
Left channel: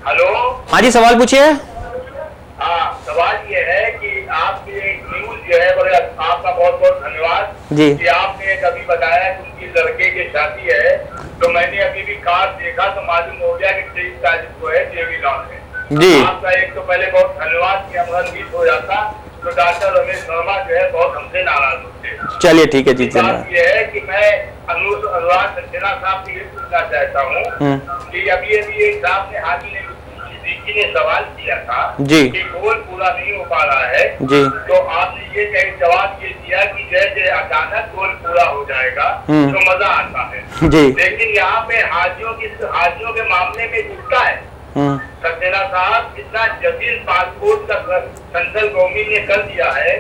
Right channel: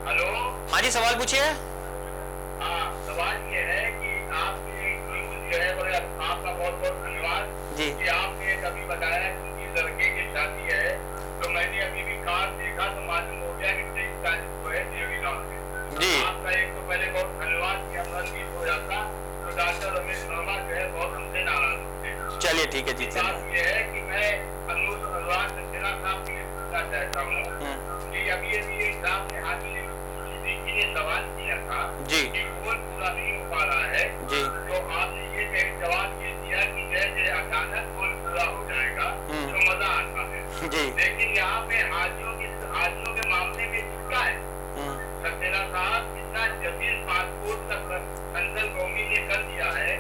हेलो। हाँ जी, सवाल पूछिए। हाँ, सवाल ये है कि आपकी न्यूज जो है, आपका बहुत बहुत धन्यवाद जी कि आपने कभी बताया कि उनकी लड़के की शादी है, तो मैंने अभी भी कार्ड देखा तो मालूम हो गया कि 23 तारीख को है, देवी लॉन में जी। आपका एक तो पहले बहुत धन्यवाद कि हमारा मिस हो जाता तो डॉक्टर रमेश वर्मा जो है बहुत हमसे नाराज होते। चलिए ठीक है जी, बात धन्यवाद। ये है कि मैं अनुराग सक्सेना साहब से ये पूछना चाहता हूँ कि अभी एक साहब ने हाजी ने सवाल किया था जी कि गोल पूरा नहीं हो पा रहा है जी, तो आपने ये जवाब ये दिया कि जैसे अचानक गोल पूरा हो जाएगा तो मजा आता है जी। लेकिन यहाँ पे हाजियों के मामले में उल्टा है। सक्सेना साहब इतना जटिल पासपोर्ट का सेंट्रल गवर्नमेंट ने कर दिया है,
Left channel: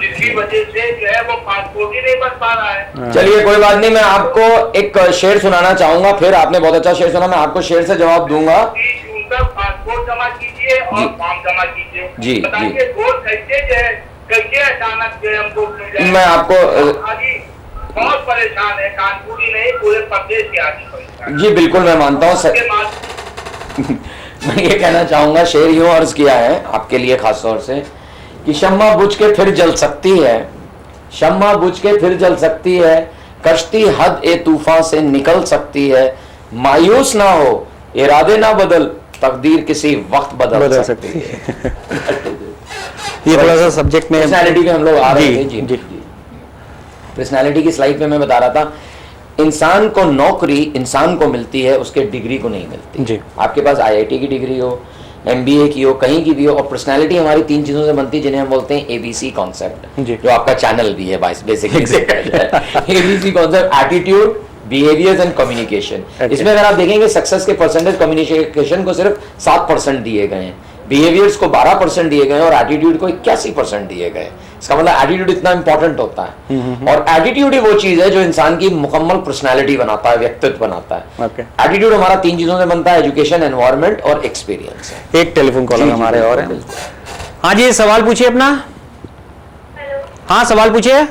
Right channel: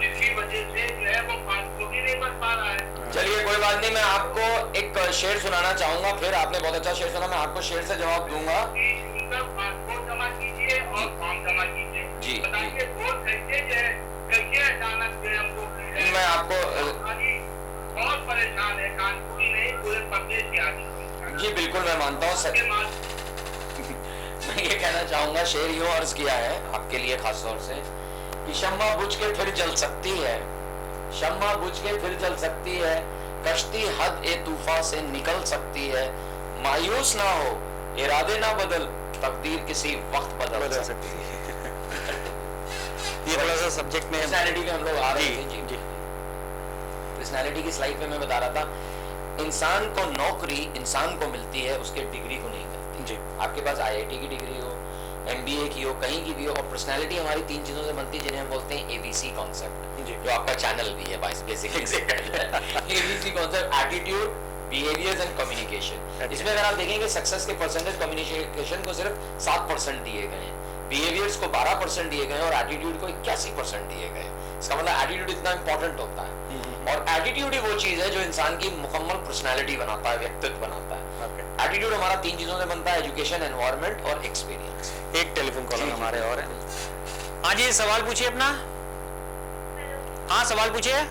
जिसकी वजह से जो है वो पासपोर्ट ही नहीं बन पा रहा है। चलिए कोई बात नहीं, मैं आपको एक शेर सुनाना चाहूंगा, फिर आपने बहुत अच्छा शेर सुना, मैं आपको शेर से जवाब दूंगा। पासपोर्ट जमा कीजिए और फॉर्म जमा कीजिए। जी, बताइए गोल कैसे जो है, कैसे अचानक जो है हमको मिल जाए? मैं आपको हाजी बहुत परेशान है, कानपुर ही नहीं पूरे प्रदेश के आदमी परेशान। जी बिल्कुल मैं मानता हूँ सर। मैं ये कहना चाहूंगा, शेर यूं अर्ज किया है आपके लिए खास तौर से कि शम्मा बुझ के फिर जल सकती है, शम्मा बुझ के फिर जल सकती है, कश्ती हद ए तूफान से निकल सकती है, मायूस ना हो, इरादे ना बदल, तकदीर किसी वक्त बदल सकती है। ये थोड़ा सा सब्जेक्ट में पर्सनैलिटी पे हम लोग आ रहे थे। जी जी पर्सनैलिटी की स्लाइड पे मैं बता रहा था, इंसान को नौकरी इंसान को मिलती है, उसके डिग्री को नहीं मिलती जी। आपके पास IIT की डिग्री हो, MBA की हो, कहीं की भी हो, और पर्सनैलिटी हमारी 3 चीजों से बनती है, जिन्हें हम बोलते हैं ABC कॉन्सेप्ट, जो आपका चैनल भी है basically. ABC concept, attitude, behaviours and communication. इसमें अगर आप देखेंगे सक्सेस के परसेंटेज कम्युनिकेशन को सिर्फ 7% दिए गए हैं, बिहेवियर्स को 12% दिए गए और एटीट्यूड को 81% दिए गए। इसका मतलब एटीट्यूड इतना इंपॉर्टेंट होता है, और एटीट्यूड ही वो चीज है जो इंसान की मुकम्मल पर्सनालिटी बनाता है, व्यक्तित्व बनाता है। एटीट्यूड हमारा 3 चीजों से बनता है, एजुकेशन, एनवायरनमेंट और एक्सपीरियंस। एक टेलीफोन कॉलर हमारे और है। हाँ जी, सवाल पूछिए अपना। हाँ सवाल पूछिए।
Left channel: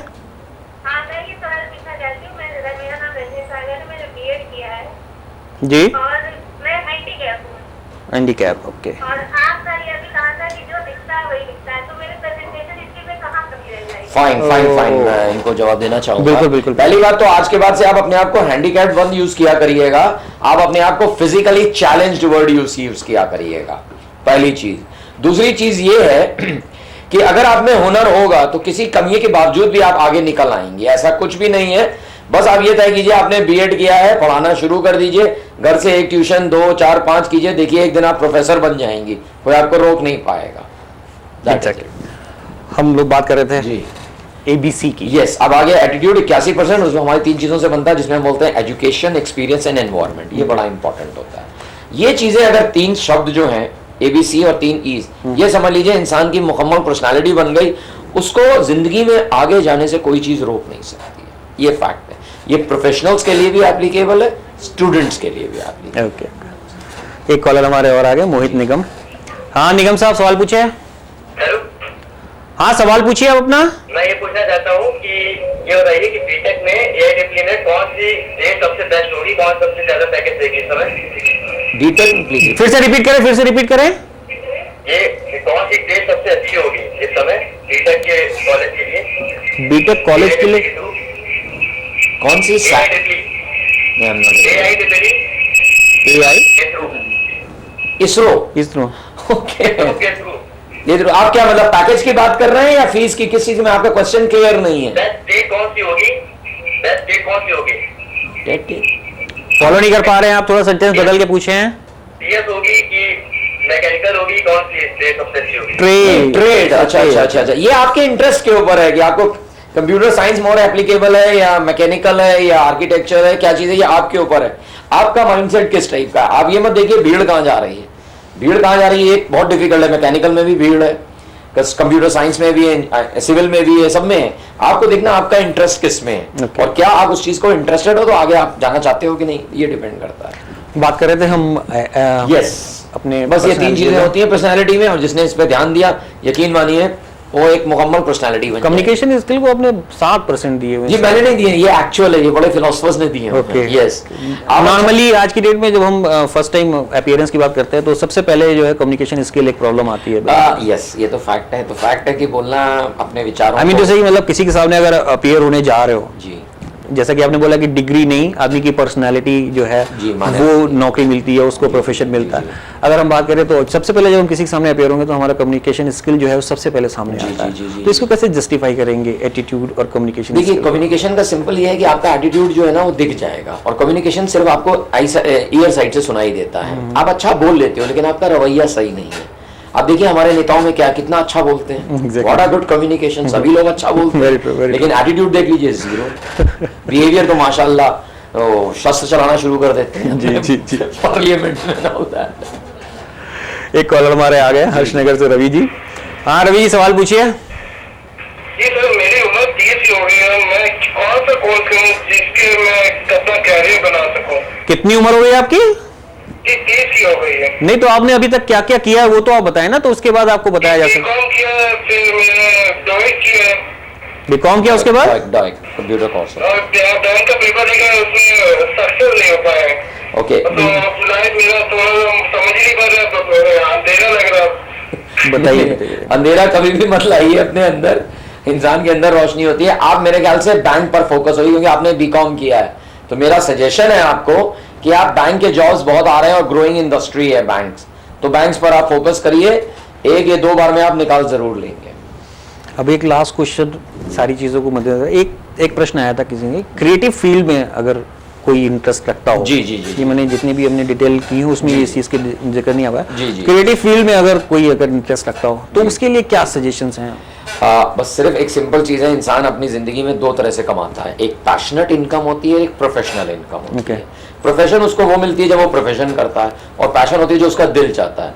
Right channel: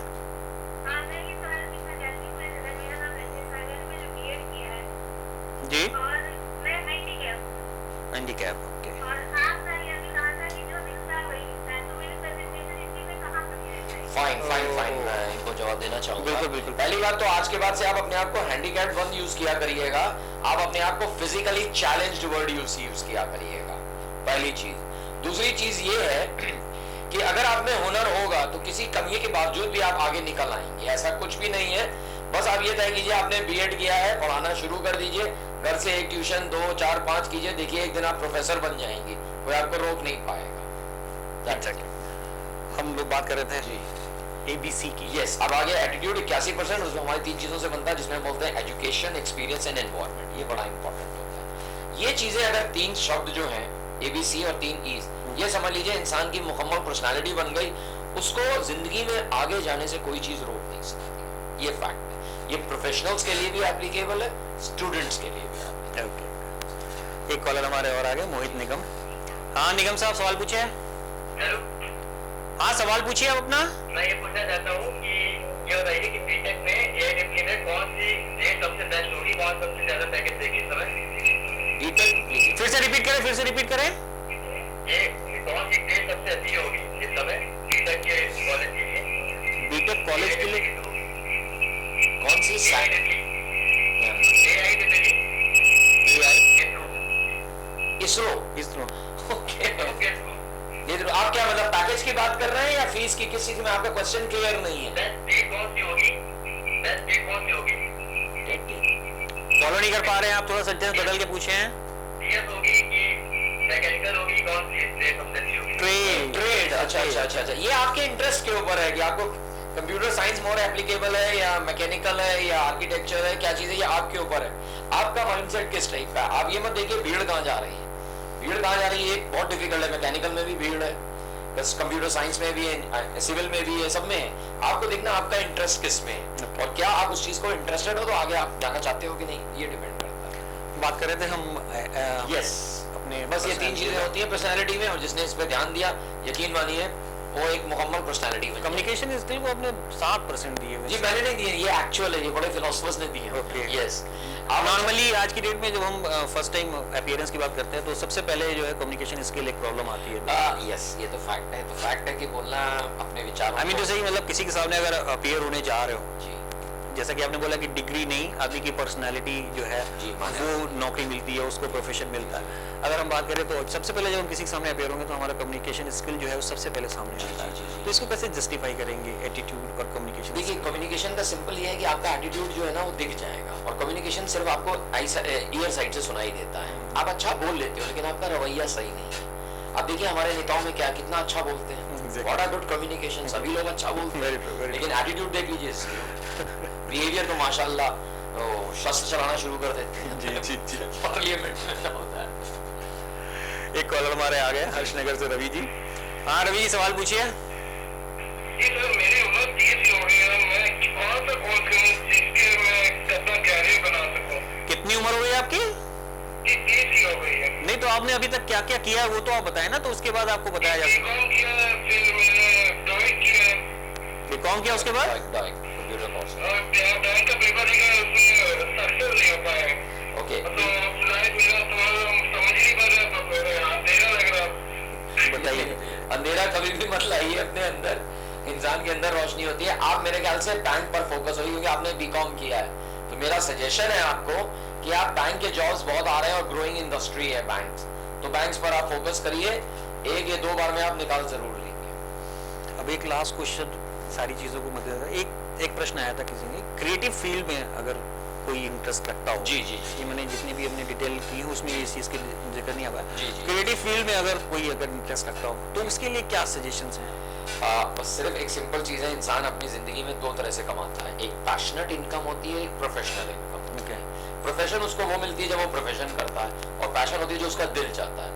जी और मैं हैंडीकैप हूँ। Handicap, okay. और आपका ये अभी कहा था कि जो दिखता है वही दिखता है, तो मेरे प्रेजेंटेशन इसके में कहाँ कमी रह जाएगी? फाइन मैं इनको जवाब देना चाहूंगा। बिल्कुल बिल्कुल। पहली बात तो आज के बाद से आप अपने आप को हैंडीकैप वर्ड यूज किया करिएगा, आप अपने आप को फिजिकली चैलेंज्ड वर्ड यूज किया करिएगा, पहली चीज। दूसरी चीज ये है कि अगर आप में हुनर होगा तो किसी कमी के बावजूद भी आप आगे निकल आएंगे, ऐसा कुछ भी नहीं है। बस आप ये तय कीजिए, आपने B.Ed किया है, पढ़ाना शुरू कर दीजिए, घर से 1 ट्यूशन 2 4 5 कीजिए, देखिए एक दिन आप प्रोफेसर बन जाएंगी, कोई आपको रोक नहीं पाएगा। हम लोग बात कर रहे थे जी ABC की। यस, अब आगे एटीट्यूड 81%, उसमें हमारी 3 चीजों से बनता है, जिसमें हम बोलते हैं एजुकेशन, एक्सपीरियंस एंड एनवायरनमेंट। ये बड़ा इंपॉर्टेंट होता है। ये चीजें अगर 3 शब्द जो हैं ABC और 3 E's, ये समझ लीजिए इंसान की मुकम्मल पर्सनालिटी बन गई, उसको जिंदगी में आगे जाने से कोई चीज रोक नहीं सकती। ये फैक्ट है। ये प्रोफेशनल्स के लिए भी एप्लीकेबल है, स्टूडेंट्स के लिए भी एप्लीकेबल। ओके, एक कॉलर हमारे और आ गए, मोहित निगम। हाँ निगम साहब, सवाल पूछे। हेलो। हाँ सवाल पूछिए आप अपना। मैं ये पूछना चाहता हूँ कि ये बताइए कि बीटेक में AIEEE में कौन सी डेट सबसे बेस्ट होगी, कौन सबसे ज्यादा पैकेज देगी इस समय? बीटेक फिर से रिपीट करें। ये कौन सी डेट सबसे अच्छी होगी इस समय बीटेक के कॉलेज के लिए? बीटेक कॉलेज के लिए कौन सी? इसरो। ओके, आप क्या मतलब पैकेज की बात कर रहे हैं या फीस की? किस चीज में? आपका क्वेश्चन क्लियर नहीं है। डेट कौन सी होगी? फॉलो नहीं कर पा रहे हैं आप, थोड़ा सेंटेंस बदल के पूछे हैं। होगी कि मैकेनिकल होगी, कौन सी इसलिए सबसे अच्छी होगी? ट्रेड। अच्छा, ये आपके इंटरेस्ट के ऊपर है कि आपको कंप्यूटर साइंस मोर एप्लीकेबल है या मैकेनिकल है या आर्किटेक्चर है, क्या चीज है, ये आपके ऊपर है। आपका माइंडसेट किस टाइप का है। आप ये मत देखिए भीड़ कहाँ जा रही है, भीड़ कहाँ जा रही है, एक बहुत डिफिकल्ट है। मैकेनिकल में भी भीड़ है, कंप्यूटर साइंस में भी है, सिविल में भी है, सब में है। आपको देखना आपका इंटरेस्ट किस में है और क्या आप उस चीज को इंटरेस्टेड हो तो आगे आप जाना चाहते हो कि नहीं, ये डिपेंड करता है। बात कर रहे थे हम यस अपने बस ये 3 चीजें होती हैं पर्सनालिटी में, और जिसने इस पे ध्यान दिया यकीन मानिए वो एक मुकम्मल पर्सनालिटी बन कम्युनिकेशन स्किल को आपने 7% दिए हुए। ये मैंने नहीं दिए, ये एक्चुअल है, ये बड़े फिलोसफर्स ने दिए हैं। यस नॉर्मली आज की डेट में जब हम फर्स्ट टाइम अपीयरेंस की बात करते हैं तो सबसे पहले जो है कम्युनिकेशन स्किल एक प्रॉब्लम आती है। यस ये तो फैक्ट है, तो फैक्ट है कि बोलना अपने विचारों आई मीन जैसे कि मतलब किसी के सामने अगर अपीयर होने जा रहे हो, जी जैसा कि आपने बोला कि डिग्री नहीं, आदमी की पर्सनालिटी जो है वो नौकरी मिलती है, उसको प्रोफेशन मिलता है। अगर हम बात करें तो सबसे पहले जब हम किसी के सामने अपीयर होंगे तो हमारा कम्युनिकेशन स्किल जो है वो सबसे पहले सामने आता है। तो इसको कैसे जस्टिफाई करेंगे, एटीट्यूड और कम्युनिकेशन? देखिए कम्युनिकेशन का सिंपल ये है कि आपका एटीट्यूड जो है ना वो दिख जाएगा, और कम्युनिकेशन सिर्फ आपको ईयर साइड से सुनाई देता है। आप अच्छा बोल लेते हो लेकिन आपका रवैया सही नहीं है। आप देखिए हमारे नेताओं में क्या कितना अच्छा बोलते हैं, व्हाट अ गुड कम्युनिकेशन, सभी लोग अच्छा बोलते हैं लेकिन एटीट्यूड देख लीजिए जीरो। बिहेवियर तो माशाल्लाह शस्त्र चलाना शुरू कर देते हैं। जी पार्लियामेंट में होता है। एक कॉलर हमारे आ गए हर्षनगर से रवि जी। हाँ रवि जी सवाल पूछिए। जी सर, मेरी उम्र 30 हो गई है, मैं कौन सा कोर्स करूं जिसके मैं अपना कैरियर बना सकूं? कितनी उम्र हो गई आपकी? 30 हो गई है। नहीं तो आपने अभी तक क्या क्या किया है वो तो आप बताएं ना, तो उसके बाद आपको बताया जा सकता है। बीकॉम किया है, फिर मैंने डॉइट किया है। बीकॉम किया उसके बाद कंप्यूटर कोर्स और बैंक का पेपर दिया, उसमें सक्सेस नहीं हो पाया। ओके तो लाइफ मेरा थोड़ा समझ ही नहीं पा रहा, तो अंधेरा लग रहा। बताइए। अंधेरा कभी भी मत लाइए अपने अंदर, इंसान के अंदर रोशनी होती है। आप मेरे ख्याल से बैंक पर फोकस होगी क्योंकि आपने बीकॉम किया है, तो मेरा सजेशन है आपको कि आप बैंक के जॉब्स बहुत आ रहे हैं और ग्रोइंग इंडस्ट्री है बैंक्स, तो बैंक्स पर आप फोकस करिए, 1 या 2 बार में आप निकाल जरूर लेंगे। अब एक लास्ट क्वेश्चन सारी चीजों को मद्देनजर, एक प्रश्न आया था किसी ने, क्रिएटिव फील्ड में अगर कोई इंटरेस्ट रखता हो। जी ये मैंने जितनी भी हमने डिटेल की है उसमें इस चीज के जिक्र नहीं आया। जी क्रिएटिव फील्ड में अगर कोई इंटरेस्ट रखता हो तो उसके लिए क्या सजेशंस हैं? बस सिर्फ एक सिंपल चीज है, इंसान अपनी जिंदगी में 2 तरह से कमाता है, एक पैशनेट इनकम होती है, एक प्रोफेशनल इनकम होती है। प्रोफेशन उसको वो मिलती है जब वो प्रोफेशन करता है, और पैशन होती है जो उसका दिल चाहता है।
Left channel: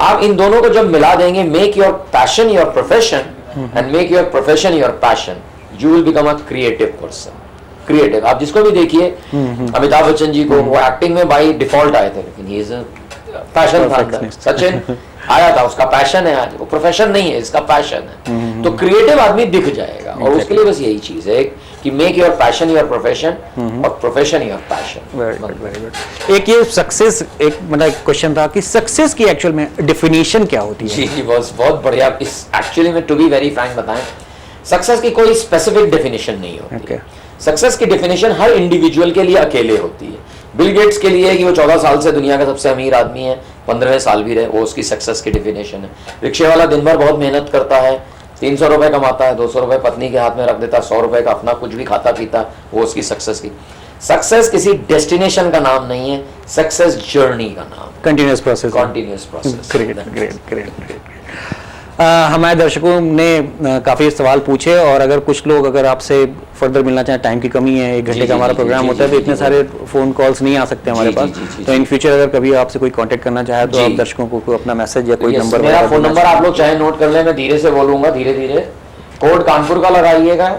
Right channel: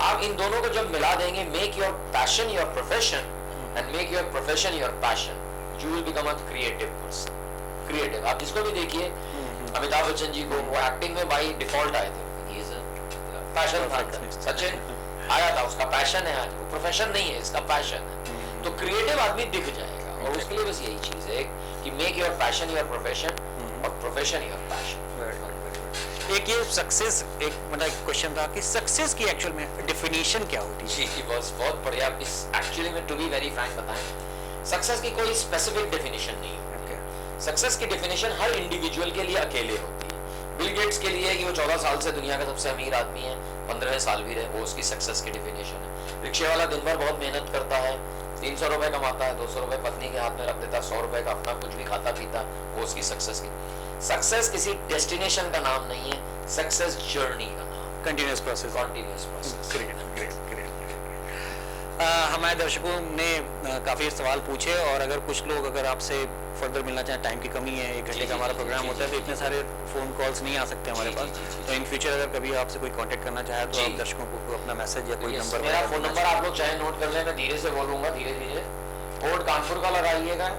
आप इन दोनों को जब मिला देंगे, make your passion your profession and make your profession your passion, you will become a creative person. Creative आप जिसको भी देखिए, अमिताभ बच्चन जी को, वो एक्टिंग में बाय डिफॉल्ट आए थे लेकिन ये पैशन था। सचिन आया था, उसका पैशन है, आज वो प्रोफेशन नहीं है, इसका पैशन है। तो क्रिएटिव आदमी दिख जाएगा, और उसके लिए बस यही चीज है कि make your passion your profession और profession your passion. Very good. एक ये सक्सेस, एक मतलब क्वेश्चन था कि सक्सेस की एक्चुअल में डेफिनेशन क्या होती है? जी बहुत बढ़िया। इस एक्चुअली में टू बी वेरी फ्रैंक बताएं, सक्सेस की कोई स्पेसिफिक डेफिनेशन नहीं होती। सक्सेस की डेफिनेशन हर इंडिविजुअल के लिए अकेले होती है। बिल गेट्स के लिए कि वो 14 साल से दुनिया का सबसे अमीर आदमी है, 15वें साल भी रहे, वो उसकी सक्सेस की डेफिनेशन है। रिक्शे वाला दिन भर बहुत मेहनत करता है, 300 रुपए कमाता है, 200 रुपए पत्नी के हाथ में रख देता है, 100 रुपए का अपना कुछ भी खाता पीता, वो उसकी सक्सेस की। सक्सेस किसी डेस्टिनेशन का नाम नहीं है, सक्सेस जर्नी का नाम, continuous process. Continuous process. Great. हमारे दर्शकों ने काफ़ी सवाल पूछे, और अगर कुछ लोग अगर आपसे फर्दर मिलना चाहें, टाइम की कमी है, 1 घंटे का हमारा प्रोग्राम होता है तो इतने सारे फ़ोन कॉल्स नहीं आ सकते हमारे पास। तो इन फ्यूचर अगर कभी आपसे कोई कांटेक्ट करना चाहे तो आप दर्शकों को अपना मैसेज या कोई नंबर, मेरा फ़ोन नंबर आप लोग चाहे नोट कर लें, मैं धीरे से बोलूँगा, धीरे धीरे। कोड कानपुर का लगाइएगा,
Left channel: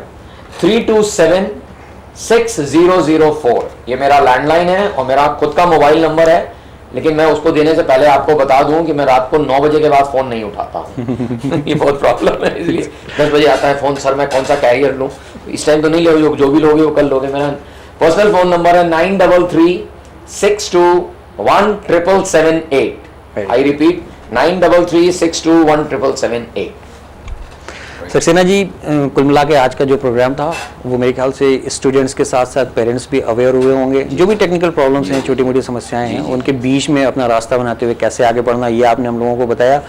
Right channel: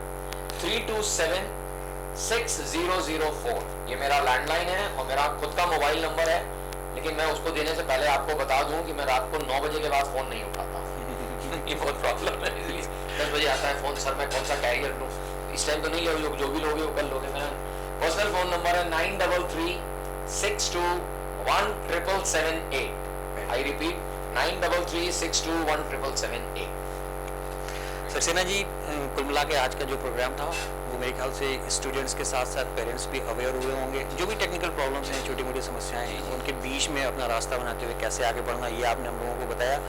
3276004, ये मेरा लैंडलाइन है और मेरा खुद का मोबाइल नंबर है, लेकिन मैं उसको देने से पहले आपको बता दूं कि मैं रात को 9 बजे के बाद फोन नहीं उठाता हूं। ये बहुत प्रॉब्लम है, इसलिए 10 बजे आता है फोन, सर मैं कौन सा कैरियर लूं, इस टाइम तो नहीं लोगे, जो भी लोगे वो कल लोगे। मेरा पर्सनल फोन नंबर है 9336217778। I repeat 9336217778। सक्सेना जी, कुल मिला के आज का जो प्रोग्राम था वो मेरे ख्याल से स्टूडेंट्स के साथ साथ पेरेंट्स भी अवेयर हुए होंगे। जो भी टेक्निकल प्रॉब्लम्स हैं, छोटी मोटी समस्याएं हैं, उनके बीच में अपना रास्ता बनाते हुए कैसे आगे बढ़ना, ये आपने हम लोगों को बताया।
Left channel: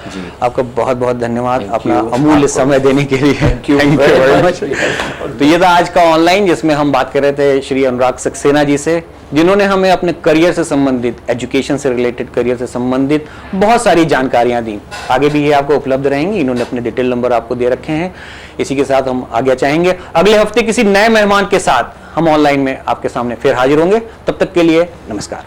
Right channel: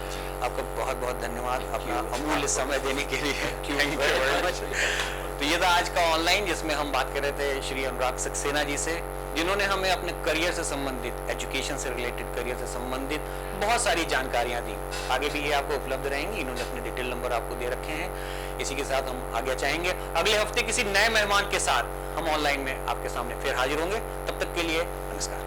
आपका बहुत बहुत धन्यवाद अपना अमूल्य समय देने के लिए। Thank you very much. तो ये था आज का ऑनलाइन, जिसमें हम बात कर रहे थे श्री अनुराग सक्सेना जी से, जिन्होंने हमें अपने करियर से संबंधित, एजुकेशन से रिलेटेड करियर से संबंधित बहुत सारी जानकारियां दी। आगे भी ये आपको उपलब्ध रहेंगी, इन्होंने अपने डिटेल नंबर आपको दे रखे हैं। इसी के साथ हम आगे चाहेंगे अगले हफ्ते किसी नए मेहमान के साथ हम ऑनलाइन में आपके सामने फिर हाजिर होंगे। तब तक के लिए नमस्कार।